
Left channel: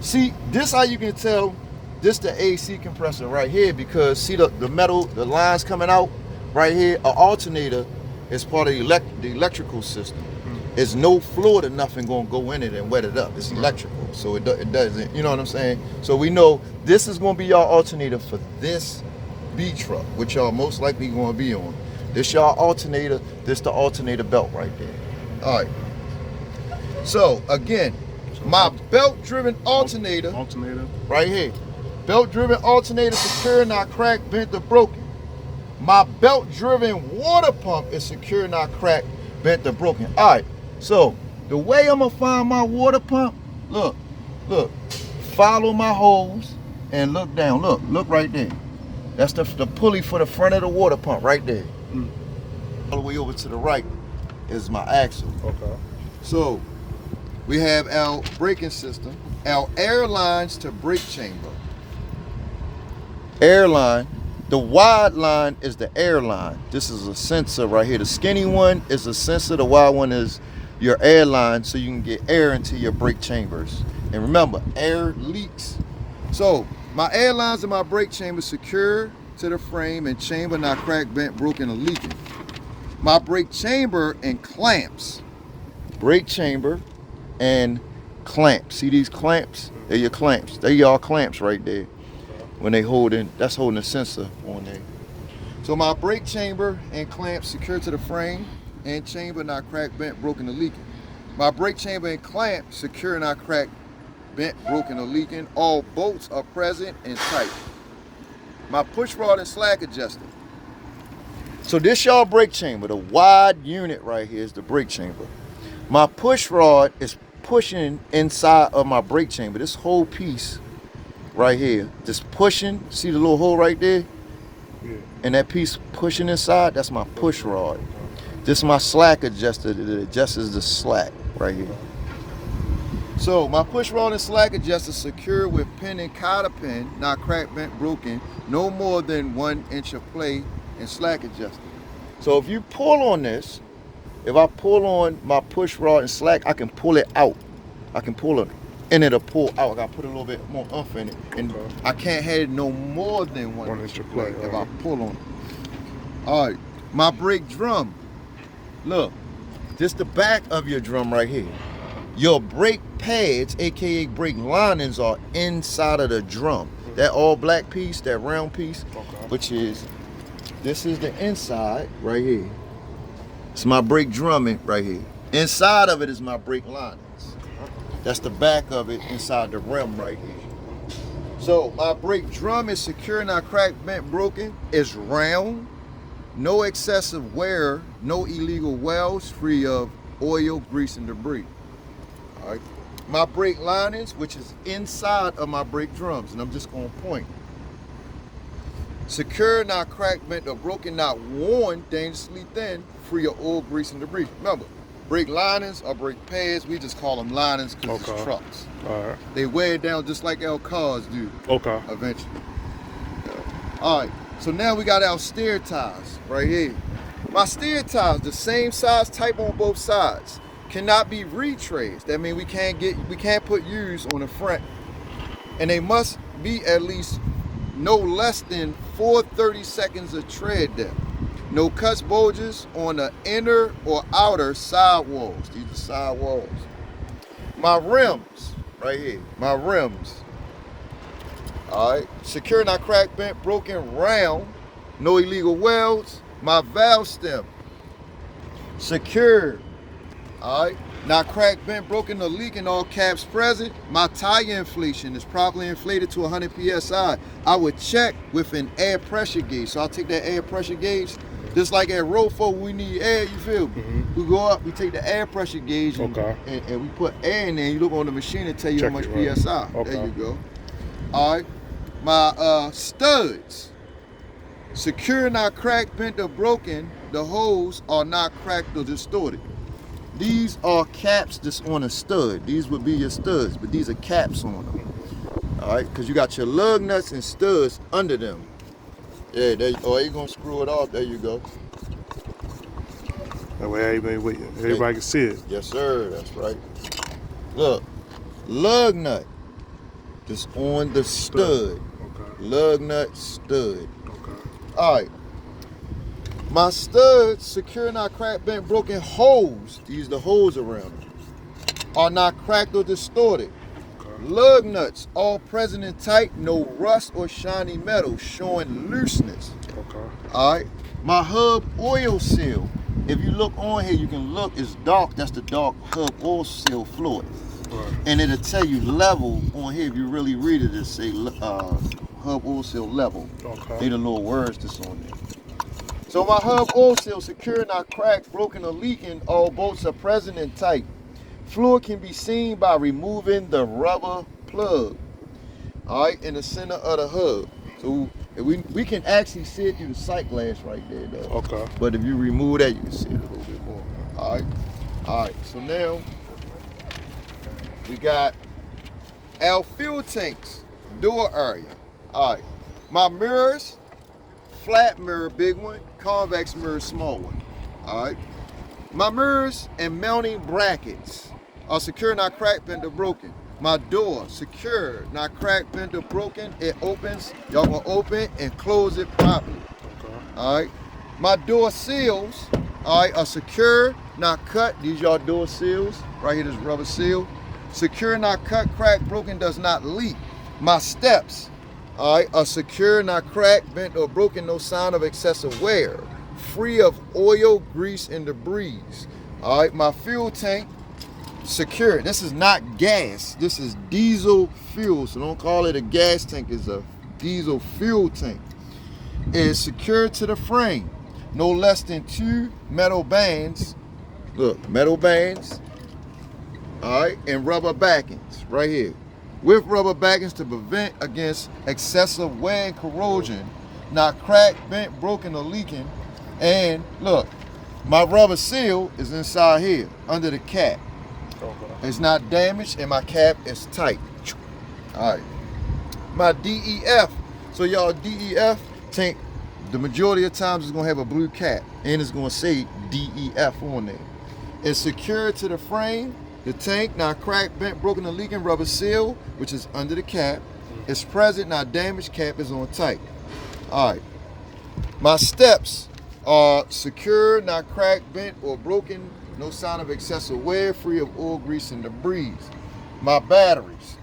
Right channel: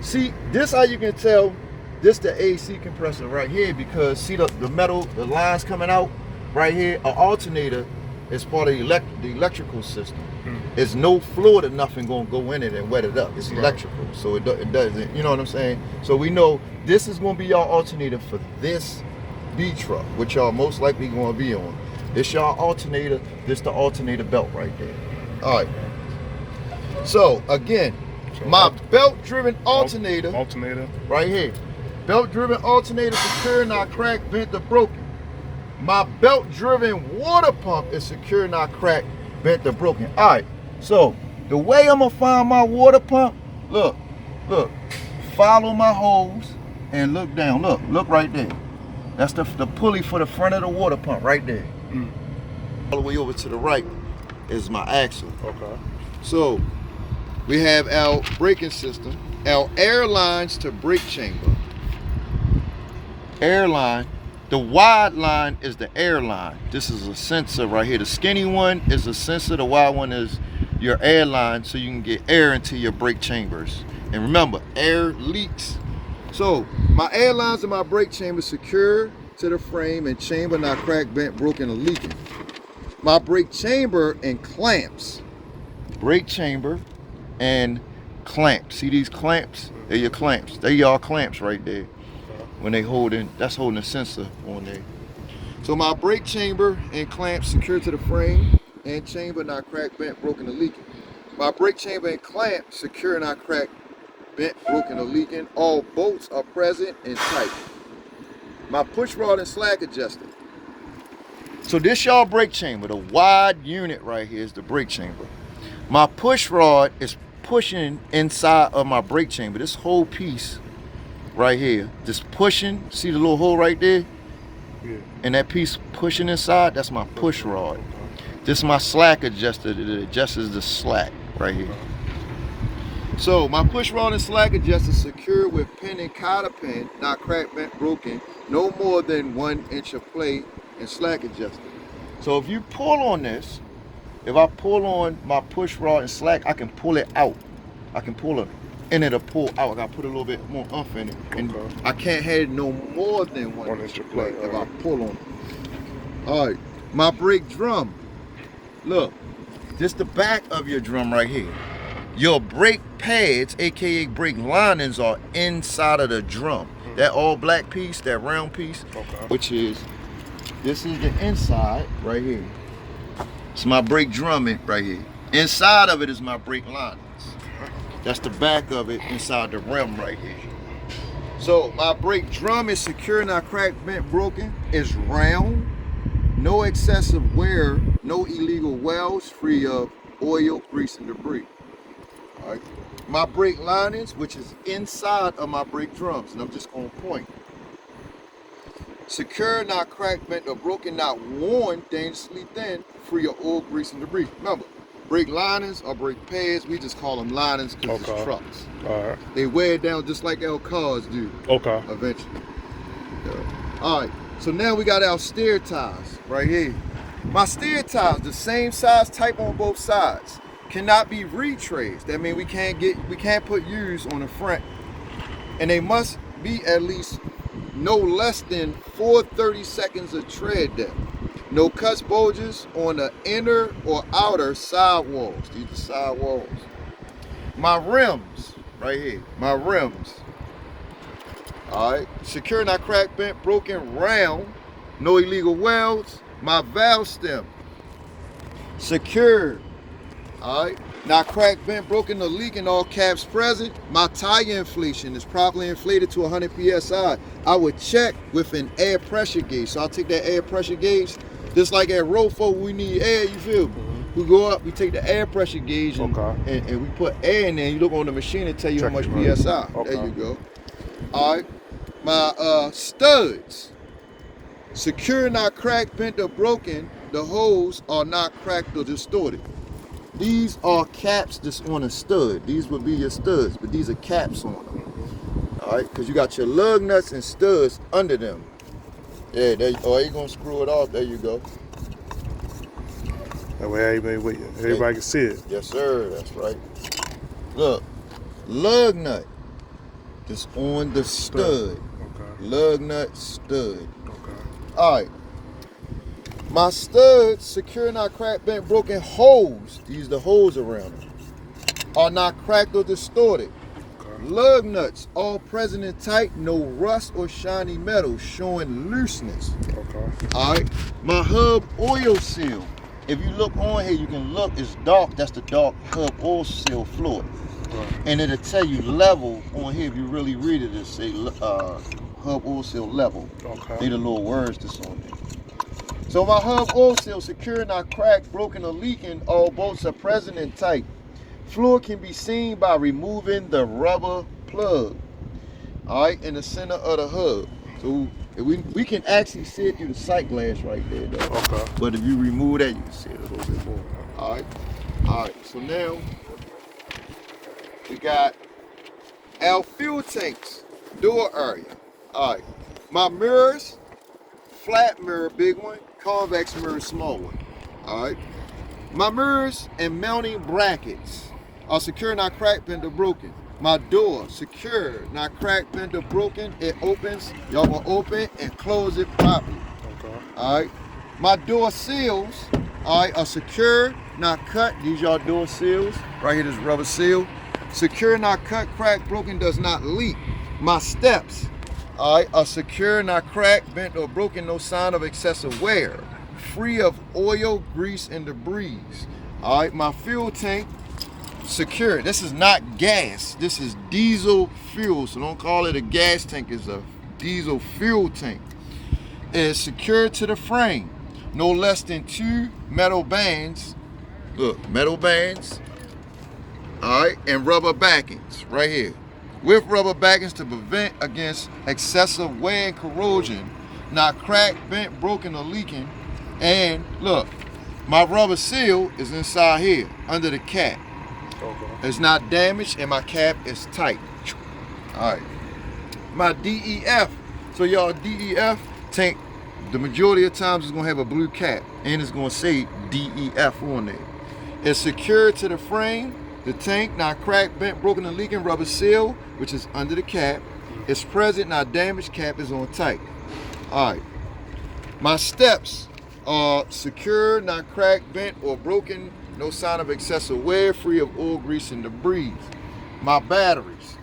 See, this how you can tell this the AC compressor right here, because see the metal, the lines coming out right here. An alternator is part of the electrical system. There's no fluid or nothing gonna go in it and wet it up. It's electrical, so it doesn't, you know what I'm saying? So we know this is gonna be y'all alternator for this B truck, which y'all most likely gonna be on. This y'all alternator, this the alternator belt right there. All right. So again, my belt-driven alternator right here. Belt-driven alternator secure, not cracked, bent, or broken. My belt-driven water pump is secure, not cracked, bent, or broken. All right. So the way I'm gonna find my water pump, look, follow my hose and look down. Look right there. That's the pulley for the front of the water pump right there. All the way over to the right is my axle. Okay. So we have our braking system, our air lines to brake chamber. Air line. The wide line is the air line. This is a sensor right here. The skinny one is a sensor. The wide one is your air line, so you can get air into your brake chambers. And remember, air leaks. So my air lines in my brake chamber secure to the frame and chamber not cracked, bent, broken, or leaking. My brake chamber and clamps. Brake chamber and clamps. See these clamps? They're your clamps. They're y'all clamps right there. When they holding, that's holding a sensor on there. So my brake chamber and clamps secure to the frame and chamber not cracked, bent, broken, or leaking. My brake chamber and clamp secure, not cracked, bent, broken, or leaking. All bolts are present and tight. My push rod and slack adjuster. So this y'all brake chamber, the wide unit right here is the brake chamber. My push rod is pushing inside of my brake chamber. This whole piece right here, just pushing. See the little hole right there? Yeah. And that piece pushing inside, that's my push rod. This is my slack adjuster that adjusts the slack right here. So my push rod and slack adjuster secure with pin and cotter pin, not cracked, bent, broken, no more than 1 inch of play and slack adjuster. So if you pull on this, if I pull on my push rod and slack, I can pull it out. I can pull it and it'll pull out. I gotta put a little bit more oomph in it. And I can't have it no more than 1 inch of play if I pull on it. All right, my brake drum. Look, this the back of your drum right here. Your brake pads, aka brake linings, are inside of the drum. That all black piece, that round piece, which is, this is the inside right here. It's my brake drumming right here. Inside of it is my brake linings. That's the back of it inside the rim right here. So my brake drum is secure, not cracked, bent, broken. It's round, no excessive wear, no illegal welds, free of oil, grease, and debris. All right. My brake linings, which is inside of my brake drums, and I'm just on point. Secure, not cracked, bent, or broken, not worn, dangerously thin, free of oil, grease, and debris. Remember, brake linings or brake pads, we just call them linings because it's trucks. All right. They wear down just like our cars do. Okay. Eventually. All right. So now we got our steer tires right here. My steer tires, the same size type on both sides, cannot be retraced. That means we can't put U's on the front, and they must be at least no less than 4/30 seconds of tread depth. No cuts, bulges on the inner or outer side walls. These are side walls. My rims, right here. My rims. All right. Secure, not cracked, bent, broken, round. No illegal welds. My valve stem. Secure. All right. Not cracked, bent, broken, or leaking, all caps present. My tire inflation is properly inflated to 100 psi. I would check with an air pressure gauge. So I take that air pressure gauge, just like at ROFO, we need air, you feel me? We go up, we take the air pressure gauge and we put air in there. You look on the machine and tell you how much psi. There you go. All right. My studs. Secure, not cracked, bent, or broken. The holes are not cracked or distorted. these are caps that's on a stud. These would be your studs, but these are caps on them. All right, because you got your lug nuts and studs under them. Yeah, there. Oh, you're gonna screw it off. There you go. That way everybody can see it. Yes, sir. That's right. Look, lug nut just on the stud. Okay. Lug nut stud. Okay. All right. My studs, secure, not cracked, bent, broken holes. These the holes around them. Are not cracked or distorted. Okay. Lug nuts, all present and tight, no rust or shiny metal, showing looseness. Okay. All right. My hub oil seal. If you look on here, you can look. It's dark. That's the dark hub oil seal fluid. Right. And it'll tell you level on here. If you really read it, it'll say hub oil seal level. Okay. These the little words that's on there. So my hub oil seal, secure, not cracked, broken, or leaking. All bolts are present and tight. Fluid can be seen by removing the rubber plug. All right, in the center of the hub. So we can actually see it through the sight glass right there, though. Okay. But if you remove that, you can see it. A little bit more. All right. So now we got our fuel tanks, door area. All right. My mirrors, flat mirror, big one. Convex mirror, small one. All right. My mirrors and mounting brackets are secure, not cracked, bent, or broken. My door, secure, not cracked, bent, or broken. It opens. Y'all gonna open and close it properly. Okay. All right. My door seals, all right, are secure, not cut. These y'all door seals. Right here, this rubber seal. Secure, not cut, cracked, broken, does not leak. My steps, all right, are secure, not cracked, bent, or broken, no sign of excessive wear. Free of oil, grease, and debris. All right, my fuel tank, secure. This is not gas. This is diesel fuel, so don't call it a gas tank. It's a diesel fuel tank. It's secured to the frame. No less than 2 metal bands. Look, metal bands. All right, and rubber backings right here. With rubber backings to prevent against excessive wear and corrosion, not cracked, bent, broken, or leaking. And look, my rubber seal is inside here, under the cap. Okay. It's not damaged, and my cap is tight. All right. My DEF. So y'all, DEF tank, the majority of times it's gonna have a blue cap, and it's gonna say DEF on there. It's secured to the frame. The tank, not cracked, bent, broken, or leaking. Rubber seal, which is under the cap. It's present, not damaged. Cap is on tight. All right. My steps are secure, not cracked, bent, or broken. No sign of excessive wear. Free of oil, grease, and debris. My batteries.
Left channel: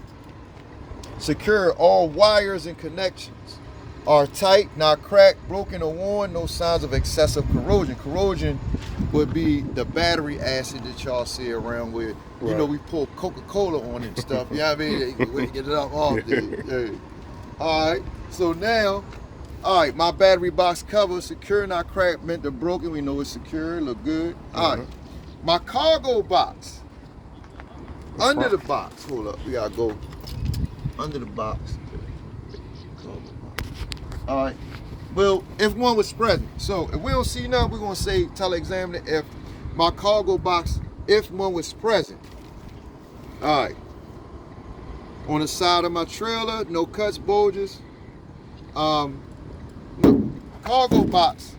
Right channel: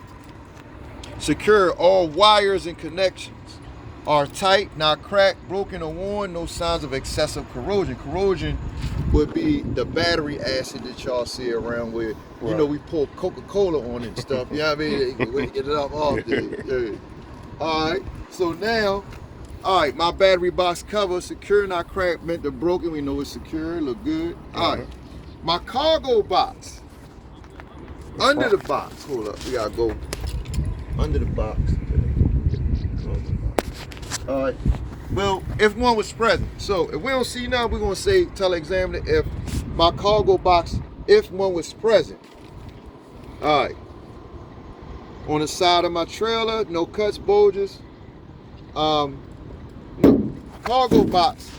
Secure. All wires and connections are tight, not cracked, broken, or worn. No signs of excessive corrosion. Corrosion would be the battery acid that y'all see around where, you know, we pour Coca-Cola on it and stuff. You know what I mean? We get it off there. Yeah. All right. So now, all right, my battery box cover, secure, not cracked, bent, or broken. We know it's secure, look good. All right. My cargo box. Under the box. Hold up. We gotta go under the box. All right. Well, if one was present. So if we don't see none, we're gonna say, tell the examiner if my cargo box, if one was present. All right. On the side of my trailer, no cuts, bulges. Cargo box.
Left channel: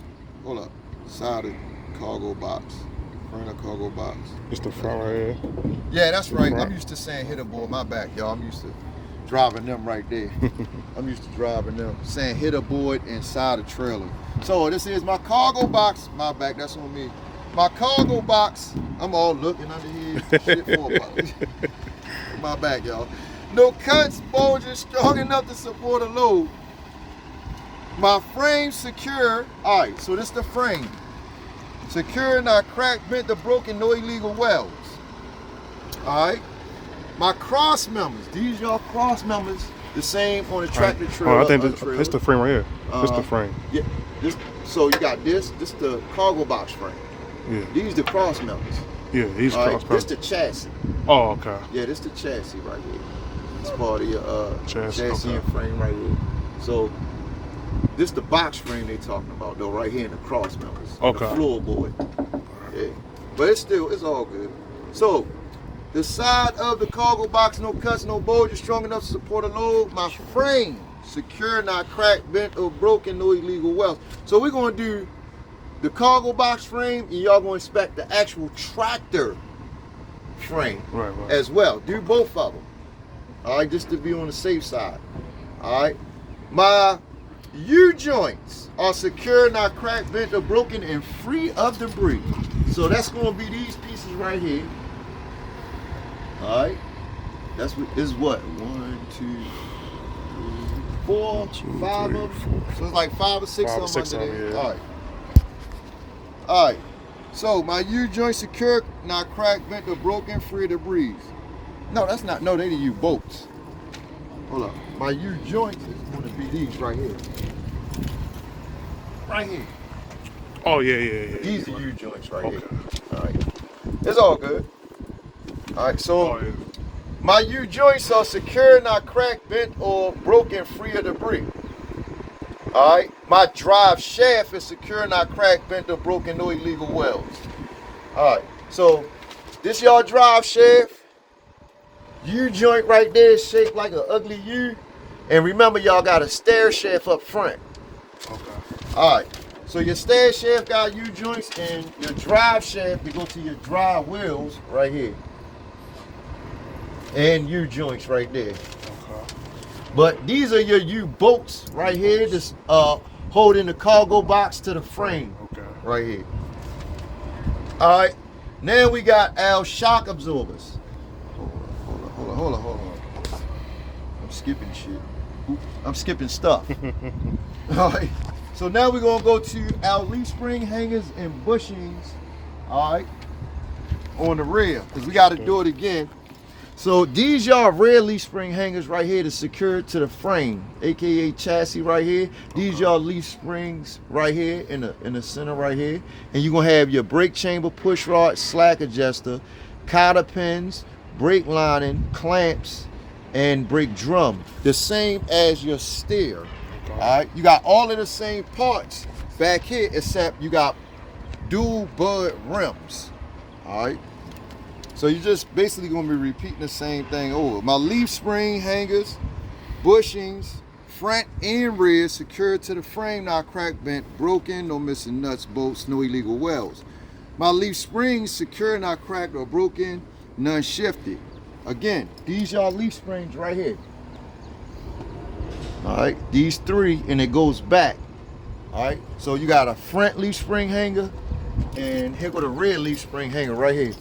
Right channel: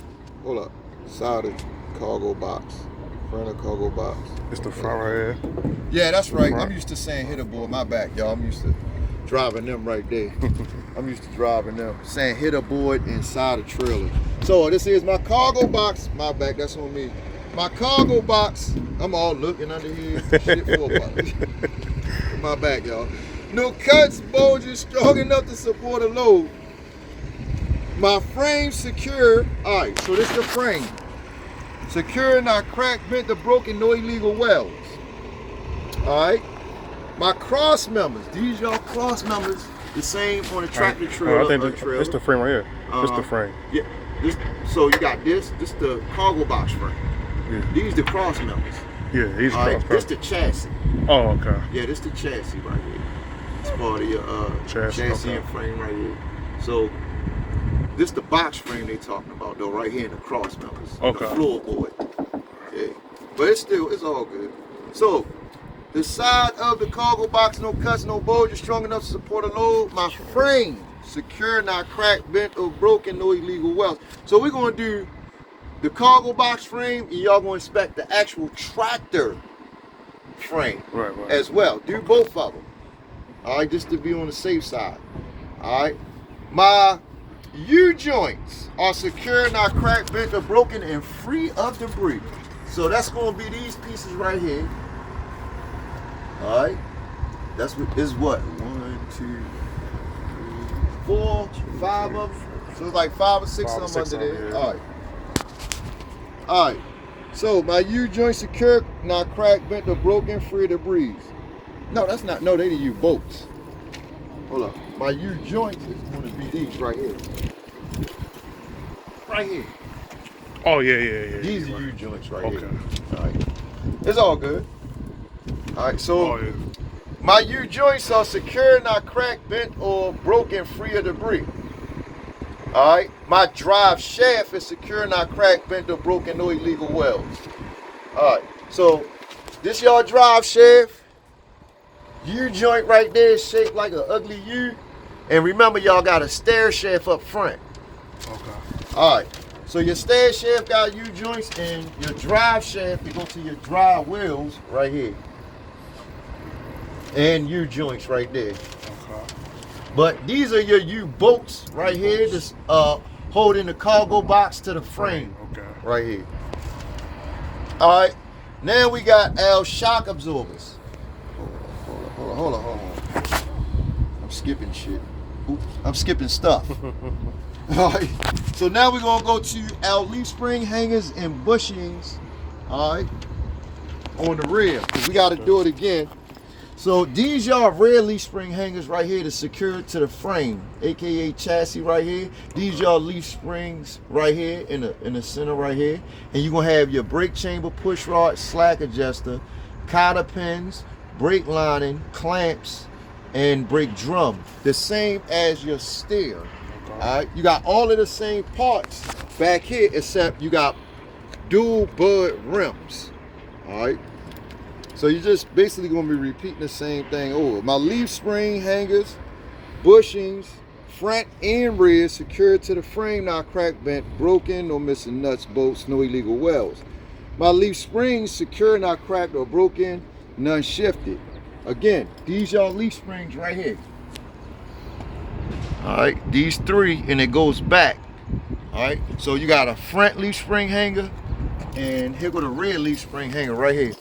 Hold up. Side of cargo box. Front of cargo box. It's the front right here. Yeah, that's right. I'm used to saying hit a board. My back, y'all. I'm used to driving them right there. I'm used to driving them. Saying hit a board inside a trailer. So this is my cargo box. My back, that's on me. My cargo box. I'm all looking under here. Shit for a while. My back, y'all. No cuts, bulges, strong enough to support a load. My frame secure. All right, so this is the frame. Secure, not cracked, bent, or broken, no illegal welds. All right. My cross members. These y'all cross members, the same on the tractor trailer. I think this the frame right here. This the frame. Yeah. So you got this the cargo box frame. Yeah. These the cross members. Yeah, these All cross. right, this the chassis. Oh, okay. Yeah, this the chassis right here. It's part of your chassis okay. and frame right here. So this the box frame they talking about though, right here in the cross members. Okay. The floorboard. Yeah. but it's all good. So, the side of the cargo box, no cuts, no bulges, strong enough to support a load. My frame, secure, not cracked, bent, or broken, no illegal welds. So we're gonna do the cargo box frame, and y'all gonna inspect the actual tractor frame as well. Do both of them. All right, just to be on the safe side. All right, my U-joints are secure, not cracked, bent, or broken, and free of debris. So that's gonna be these pieces right here. All right, that's what is what 1, 2, 3, 4, 5 of them. So it's like 5 or 6 of them under there. Yeah. All right. So my U-joint secure, not cracked, bent, or broken, free of debris. No, that's not. No, they the U-bolts. Hold on. My U-joints is gonna be these right here. Right here. Oh yeah. These are U-joints right here. All right. It's all good. All right, so my U-joints are secure, not cracked, bent, or broken, free of debris. All right, my drive shaft is secure, not cracked, bent, or broken, no illegal welds. All right, so this y'all drive shaft. U-joint right there is shaped like an ugly U. And remember, y'all got a stair shaft up front. Okay. All right, so your stair shaft got U-joints, and your drive shaft, you go to your drive wheels right here. And U-joints right there. Okay. But these are your U-bolts right here, just holding the cargo box to the frame. Okay. Right here. All right. Now we got our shock absorbers. Hold on. I'm skipping shit. Oops, I'm skipping stuff. All right. So now we're gonna go to our leaf spring hangers and bushings. All right. On the rear, because we got to do it again. So these y'all rear leaf spring hangers right here to secure to the frame, aka chassis right here. These y'all leaf springs right here in the center right here, and you're gonna have your brake chamber, push rod, slack adjuster, cotter pins, brake lining, clamps, and brake drum. The same as your steer. Okay. All right, you got all of the same parts back here, except you got dual bud rims. All right. So you're just basically going to be repeating the same thing over. My leaf spring hangers, bushings, front and rear, secured to the frame, not cracked, bent, broken, no missing nuts, bolts, no illegal welds. My leaf springs, secure, not cracked or broken, none shifted. Again, these y'all leaf springs right here. All right, these 3, and it goes back. All right, so you got a front leaf spring hanger, and here go the rear leaf spring hanger right here.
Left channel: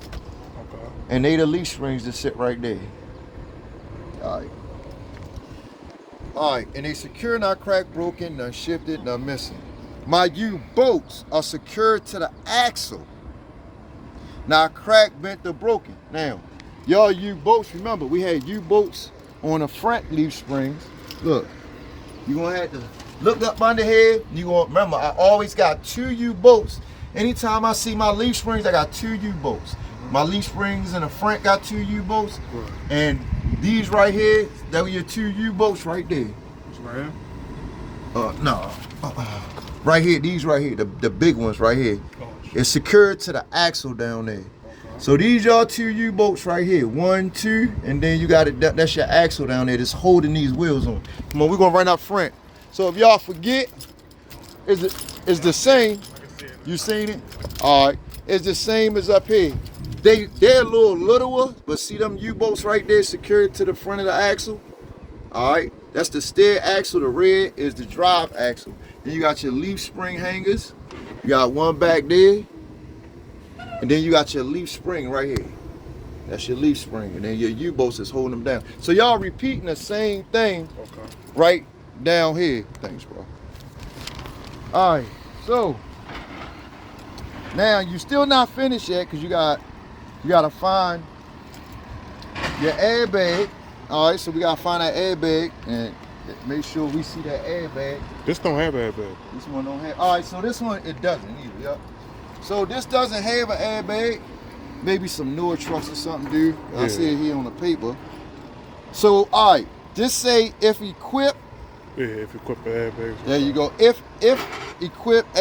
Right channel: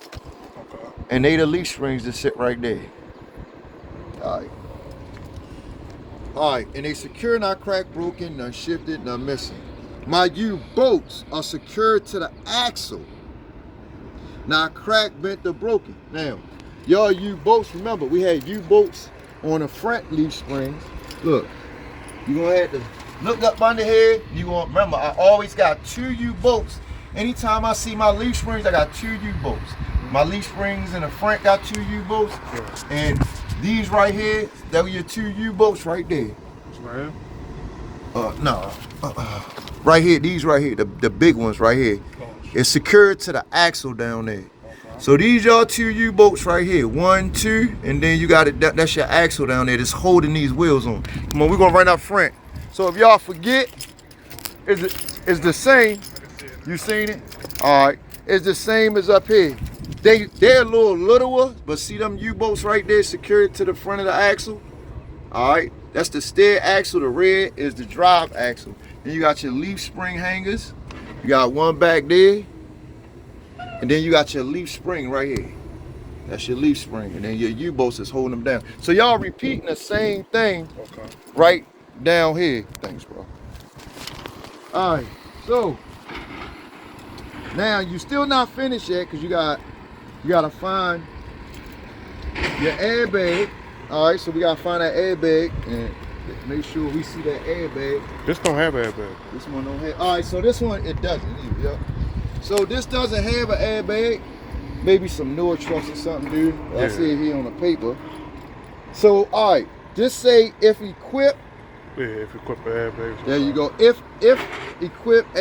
And they the leaf springs that sit right there. All right, and they secure, not cracked, broken, none shifted, none missing. My U-bolts are secured to the axle, not cracked, bent, or broken. Now, y'all U-bolts, remember, we had U-bolts on the front leaf springs. Look, you're gonna have to look up under here. You gonna remember, I always got 2 U-bolts. Anytime I see my leaf springs, I got 2 U-bolts. My leaf springs in the front got 2 U-bolts, and these right here, that were your 2 U-bolts right there. Right here? No. Right here, these right here, the big ones right here. It's secured to the axle down there. So these y'all 2 U-bolts right here, 1, 2, and then you got it. That's your axle down there that's holding these wheels on. Come on, we're gonna run up front. So if y'all forget, it's the same. You seen it? All right, it's the same as up here. They're a little littler, but see them U-bolts right there secured to the front of the axle? All right, that's the steer axle. The rear is the drive axle. Then you got your leaf spring hangers. You got one back there, and then you got your leaf spring right here. That's your leaf spring, and then your U-bolts is holding them down. So y'all repeating the same thing right down here. Thanks, bro. All right, so now you still not finished yet, because you gotta find your airbag. All right, so we gotta find that airbag and make sure we see that airbag. This don't have an airbag. This one don't have. All right, so this one, it doesn't either. Yep. So this doesn't have an airbag. Maybe some newer trucks or something, dude. I see it here on the paper. So, all right, just say if equipped, Yeah, if equipped with airbags. There you go. If equipped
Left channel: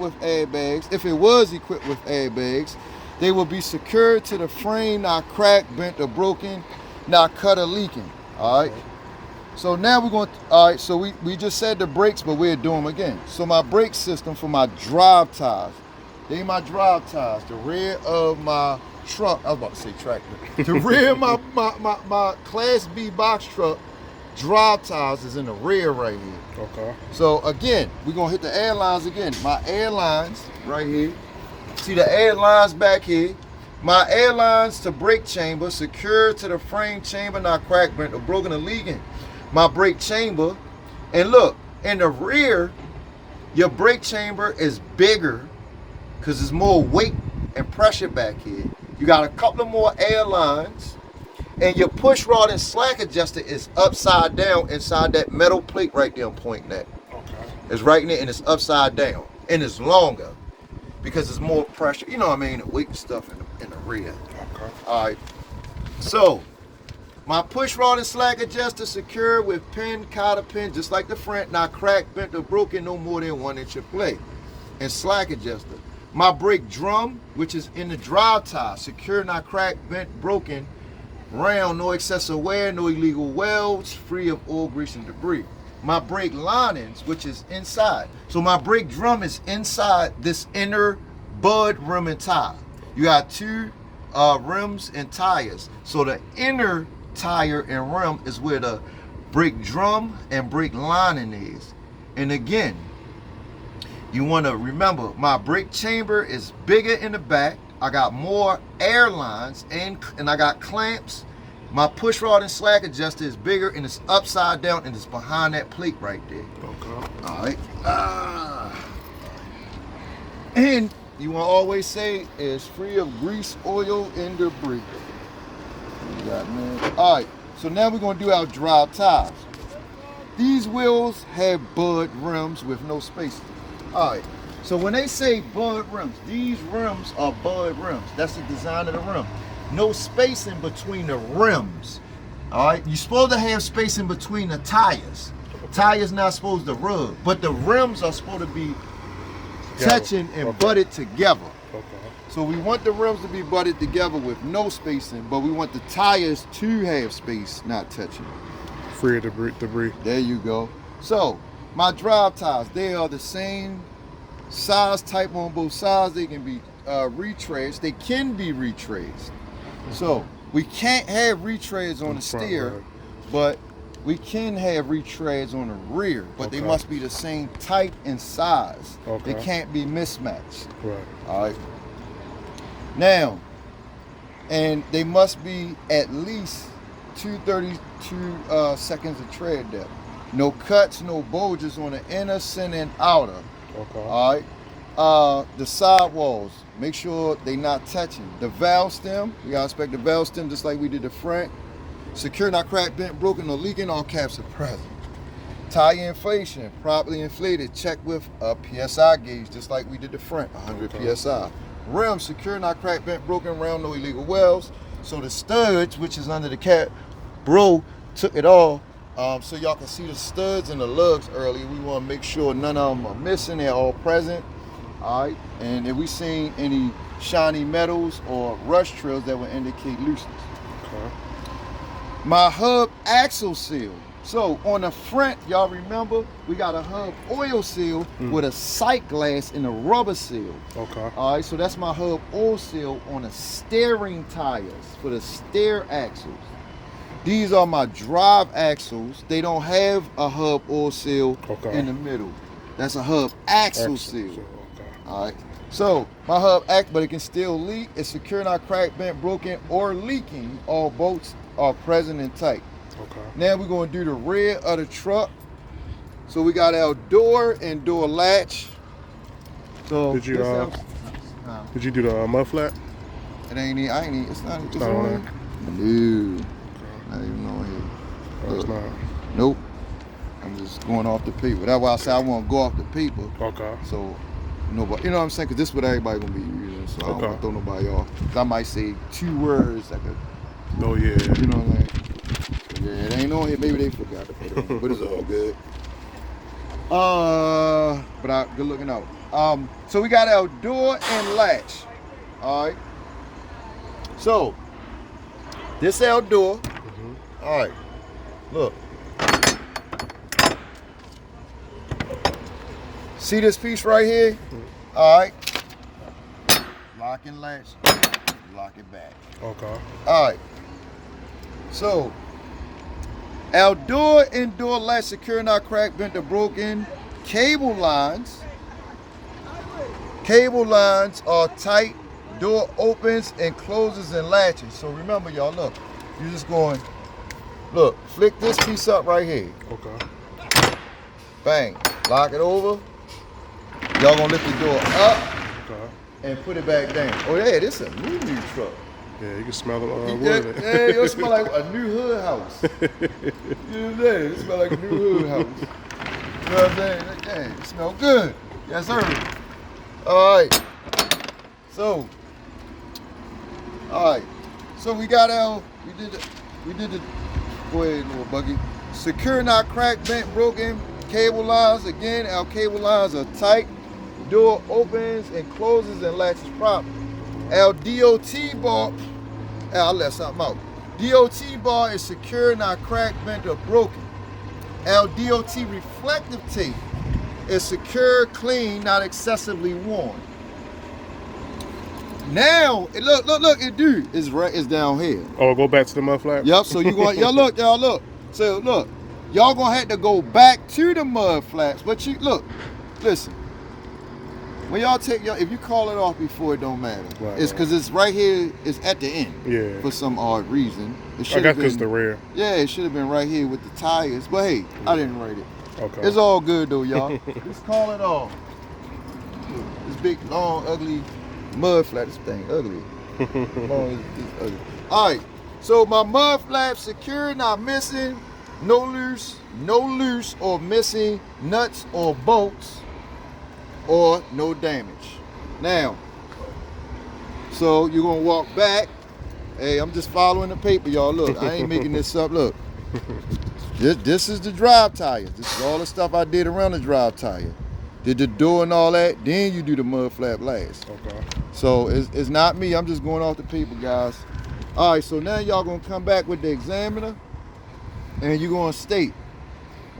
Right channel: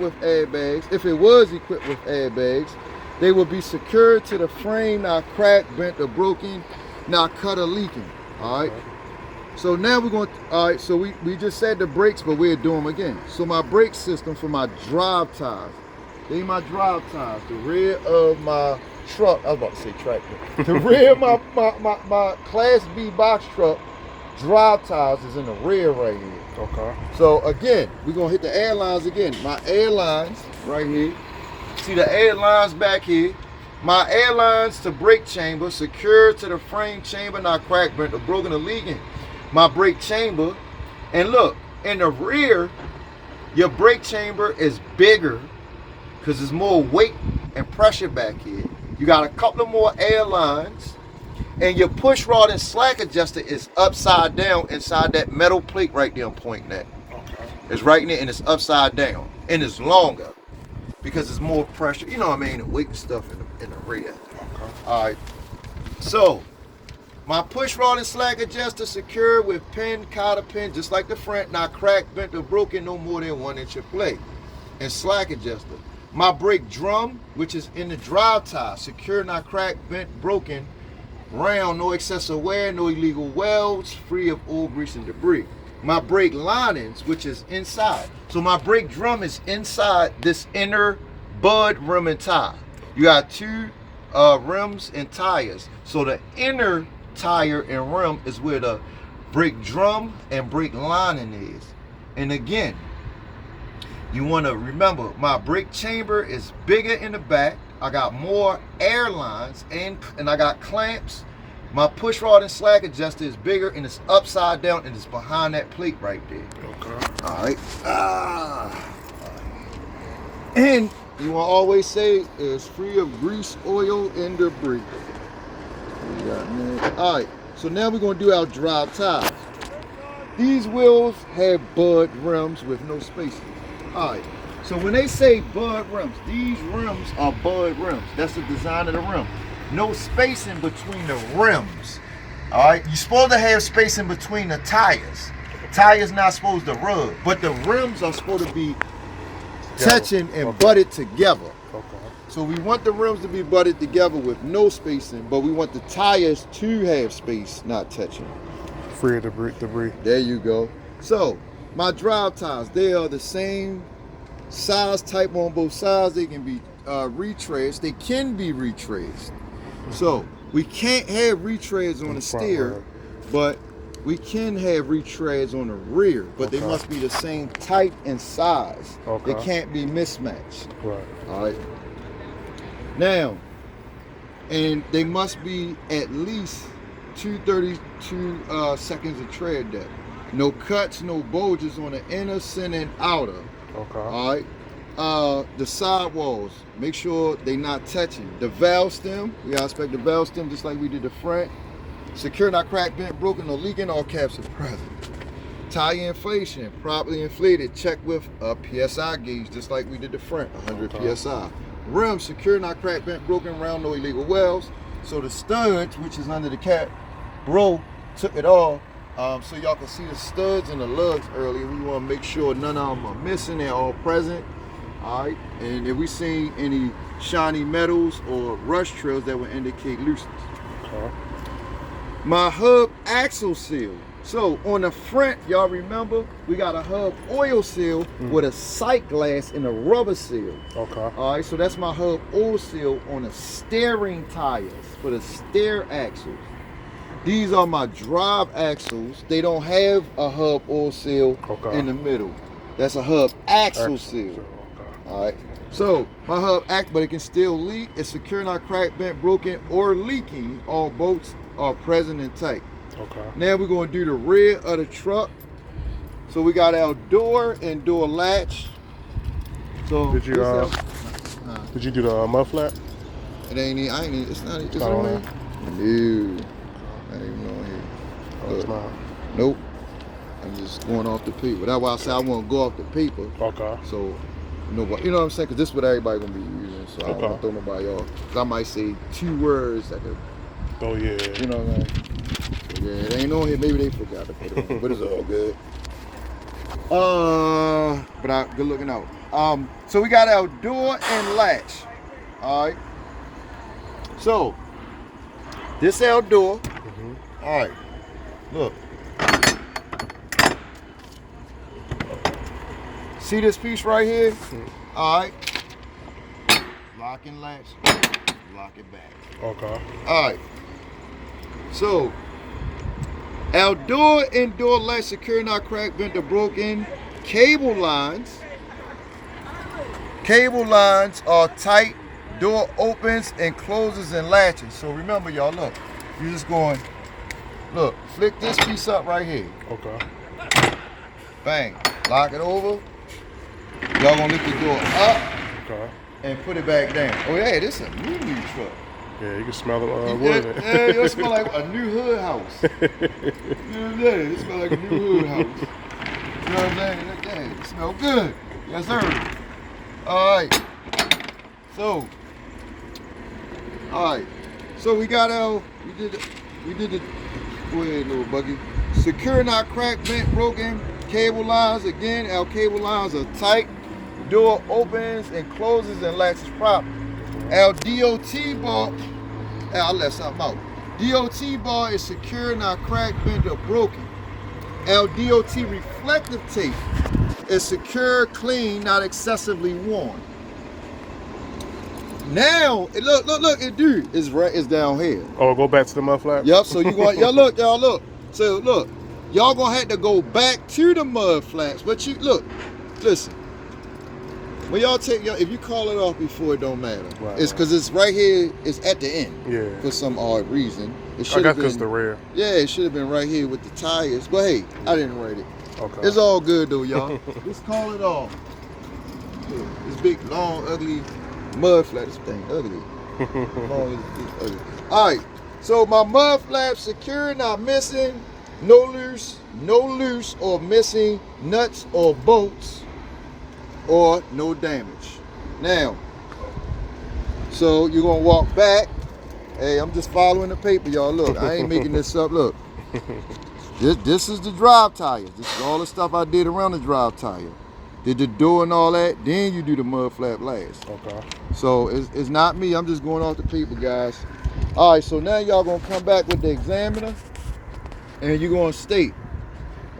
with airbags, if it was equipped with airbags, they will be secured to the frame, not cracked, bent, or broken, not cut or leaking. All right. So now we're going. All right. So we just said the brakes, but we'll do them again. So my brake system for my drive tires. They my drive tires. The rear of my truck. I was about to say tractor. The rear of my Class B box truck. Drive tires is in the rear right here. Okay. So again, we're gonna hit the air lines again. My air lines right here. See the air lines back here. My air lines to brake chamber secured to the frame chamber, not cracked, bent, or broken, or leaking. My brake chamber, and look, in the rear, your brake chamber is bigger because there's more weight and pressure back here. You got a couple of more air lines. And your push rod and slack adjuster is upside down inside that metal plate right there I'm pointing at. Okay. It's right in there and it's upside down. And it's longer because there's more pressure. You know what I mean? The weight and stuff in the rear. Okay. All right. So, my push rod and slack adjuster secured with pin, cotter pin, just like the front, not cracked, bent, or broken, no more than 1 inch of play. And slack adjuster. My brake drum, which is in the drive tire, secure, not cracked, bent, broken, round, no excessive wear, no illegal welds, free of oil, grease, and debris. My brake linings, which is inside. So my brake drum is inside this inner bud rim and tire. You got 2 rims and tires. So the inner tire and rim is where the brake drum and brake lining is. And again, you want to remember my brake chamber is bigger in the back. I got more air lines and I got clamps. My push rod and slack adjuster is bigger and it's upside down and it's behind that plate right there. Okay. All right. And you want to always say it's free of grease, oil, and debris. All right. So now we're going to do our drive tires. These wheels have bud rims with no spacing. All right. So when they say bud rims, these rims are bud rims. That's the design of the rim. No spacing between the rims. All right, you're supposed to have spacing between the tires. Tires not supposed to rub, but the rims are supposed to be touching and butted together. Okay. So we want the rims to be butted together with no spacing, but we want the tires to have space, not touching. Free of debris. There you go. So my drive tires, they are the same size type on both sides. They can be retreads. They can be retreads. So we can't have retreads on the steer, but we can have retreads on the rear. But they must be the same type and size. Okay. They can't be mismatched. Right. All right. Now, and they must be at least 232 seconds of tread depth. No cuts, no bulges on the inner, center, and outer. Okay. All right. The sidewalls, make sure they not touching. The valve stem, we gotta inspect the valve stem just like we did the front. Secure, not cracked, bent, broken, or leaking. All caps are present. Tire inflation, properly inflated. Check with a PSI gauge, just like we did the front, 100 PSI. Rim, secure, not cracked, bent, broken, round, no illegal welds. So the studs, which is under the cap, bro took it off. So y'all can see the studs and the lugs earlier. We want to make sure none of them are missing. They're all present. All right. And if we seen any shiny metals or rust trails, that would indicate looseness. Okay. My hub axle seal. So on the front, y'all remember, we got a hub oil seal with a sight glass and a rubber seal. Okay. All right. So that's my hub oil seal on the steering tires for the steer axles. These are my drive axles. They don't have a hub oil seal in the middle. That's a hub axle seal. Okay. All right. So my hub axle, but it can still leak. It's secure, not cracked, bent, broken, or leaking. All bolts are present and tight. Okay. Now we're going to do the rear of the truck. So we got our door and door latch. So did you do the mud flap? It ain't. It's not. It's not on on there. No. Not even on here. Oh, it's not. Nope. I'm just going off the paper. That's why I say I want to go off the paper. Okay. So nobody, you know what I'm saying? Because this is what everybody gonna be using. So I don't want to throw nobody off. I might say 2 words of it. No, yeah. You know what I'm saying? Yeah, it ain't on here. Maybe they forgot to put it on, but it's all good. Good looking out. So we got our door and latch. All right. So this our door. Mm-hmm. All right. Look. See this piece right here? Mm-hmm. All right. Lock and latch. Lock it back. Okay. All right. So our door and door latch secure, not cracked, bent, or broken. Cable lines are tight. Door opens and closes and latches. So remember, y'all, look. You're just going, look, flick this piece up right here. Okay. Bang. Lock it over. Y'all gonna lift the door up Okay. and put it back down. Oh yeah, this is a new truck. Yeah, you can smell the wood in it. Yeah, it smell like a new hood house. You know what I'm saying? It smell like a new hood house. You know what I'm saying? Dang, it smell good. Yes, sir. All right. So we got our, we did the, go ahead, little buggy. Secure, not cracked, bent, broken. Cable lines, again, our cable lines are tight. Door opens and closes and latches properly. Our DOT bar, I'll let something out. DOT bar is secure, not cracked, bent, or broken. Our DOT reflective tape is secure, clean, not excessively worn. Now, look, it's down here. Oh, go back to the mud flap? Yep, so you going, y'all look. So look, y'all gonna have to go back to the mud flaps, but listen. When y'all if you call it off before, it don't matter. Right, It's because it's right here, it's at the end. Yeah. For some odd reason. I got this the rear. Yeah, it should have been right here with the tires, but hey, I didn't write it. Okay. It's all good though, y'all. Let's call it off. This big, long, ugly mud flap. This thing ugly. Ugly. All right, so my mud flap secure, not missing, no loose or missing nuts or bolts, or no damage. Now, so you're gonna walk back. Hey, I'm just following the paper, y'all. Look, I ain't making this up. Look, this is the drive tires. This is all the stuff I did around the drive tire. Did the door and all that. Then you do the mud flap last. Okay. So it's not me. I'm just going off the paper, guys. All right. So now y'all gonna come back with the examiner, and you're gonna state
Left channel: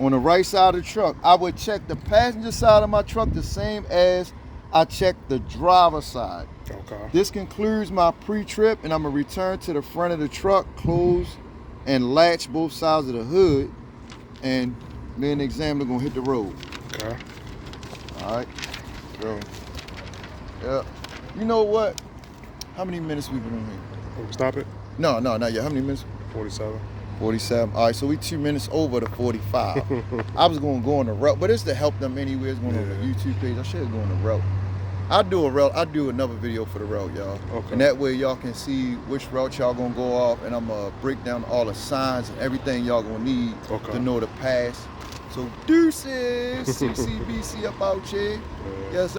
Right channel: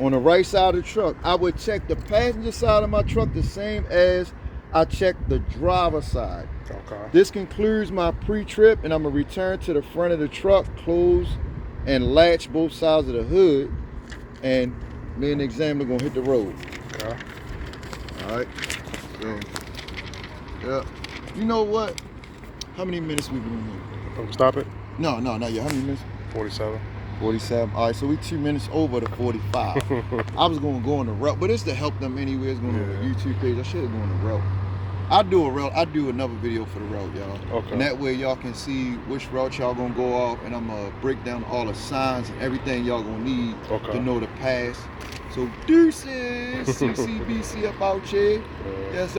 on the right side of the truck, I would check the passenger side of my truck the same as I check the driver's side. Okay. This concludes my pre-trip, and I'm gonna return to the front of the truck, close and latch both sides of the hood, and me and the examiner gonna hit the road. Okay. All right. Yeah. You know what? How many minutes we been in here? Stop it? No, not yet. How many minutes? 47. 47. All right, so we 2 minutes over the 45. I was gonna go on the route, but it's to help them anyway. It's going on the YouTube page. I should have gone on the route. I'll do another video for the route, y'all. Okay. And that way y'all can see which route y'all gonna go off, and I'm gonna break down all the signs and everything y'all gonna need to know the pass. So deuces, CCBC up out here. Yes, sir.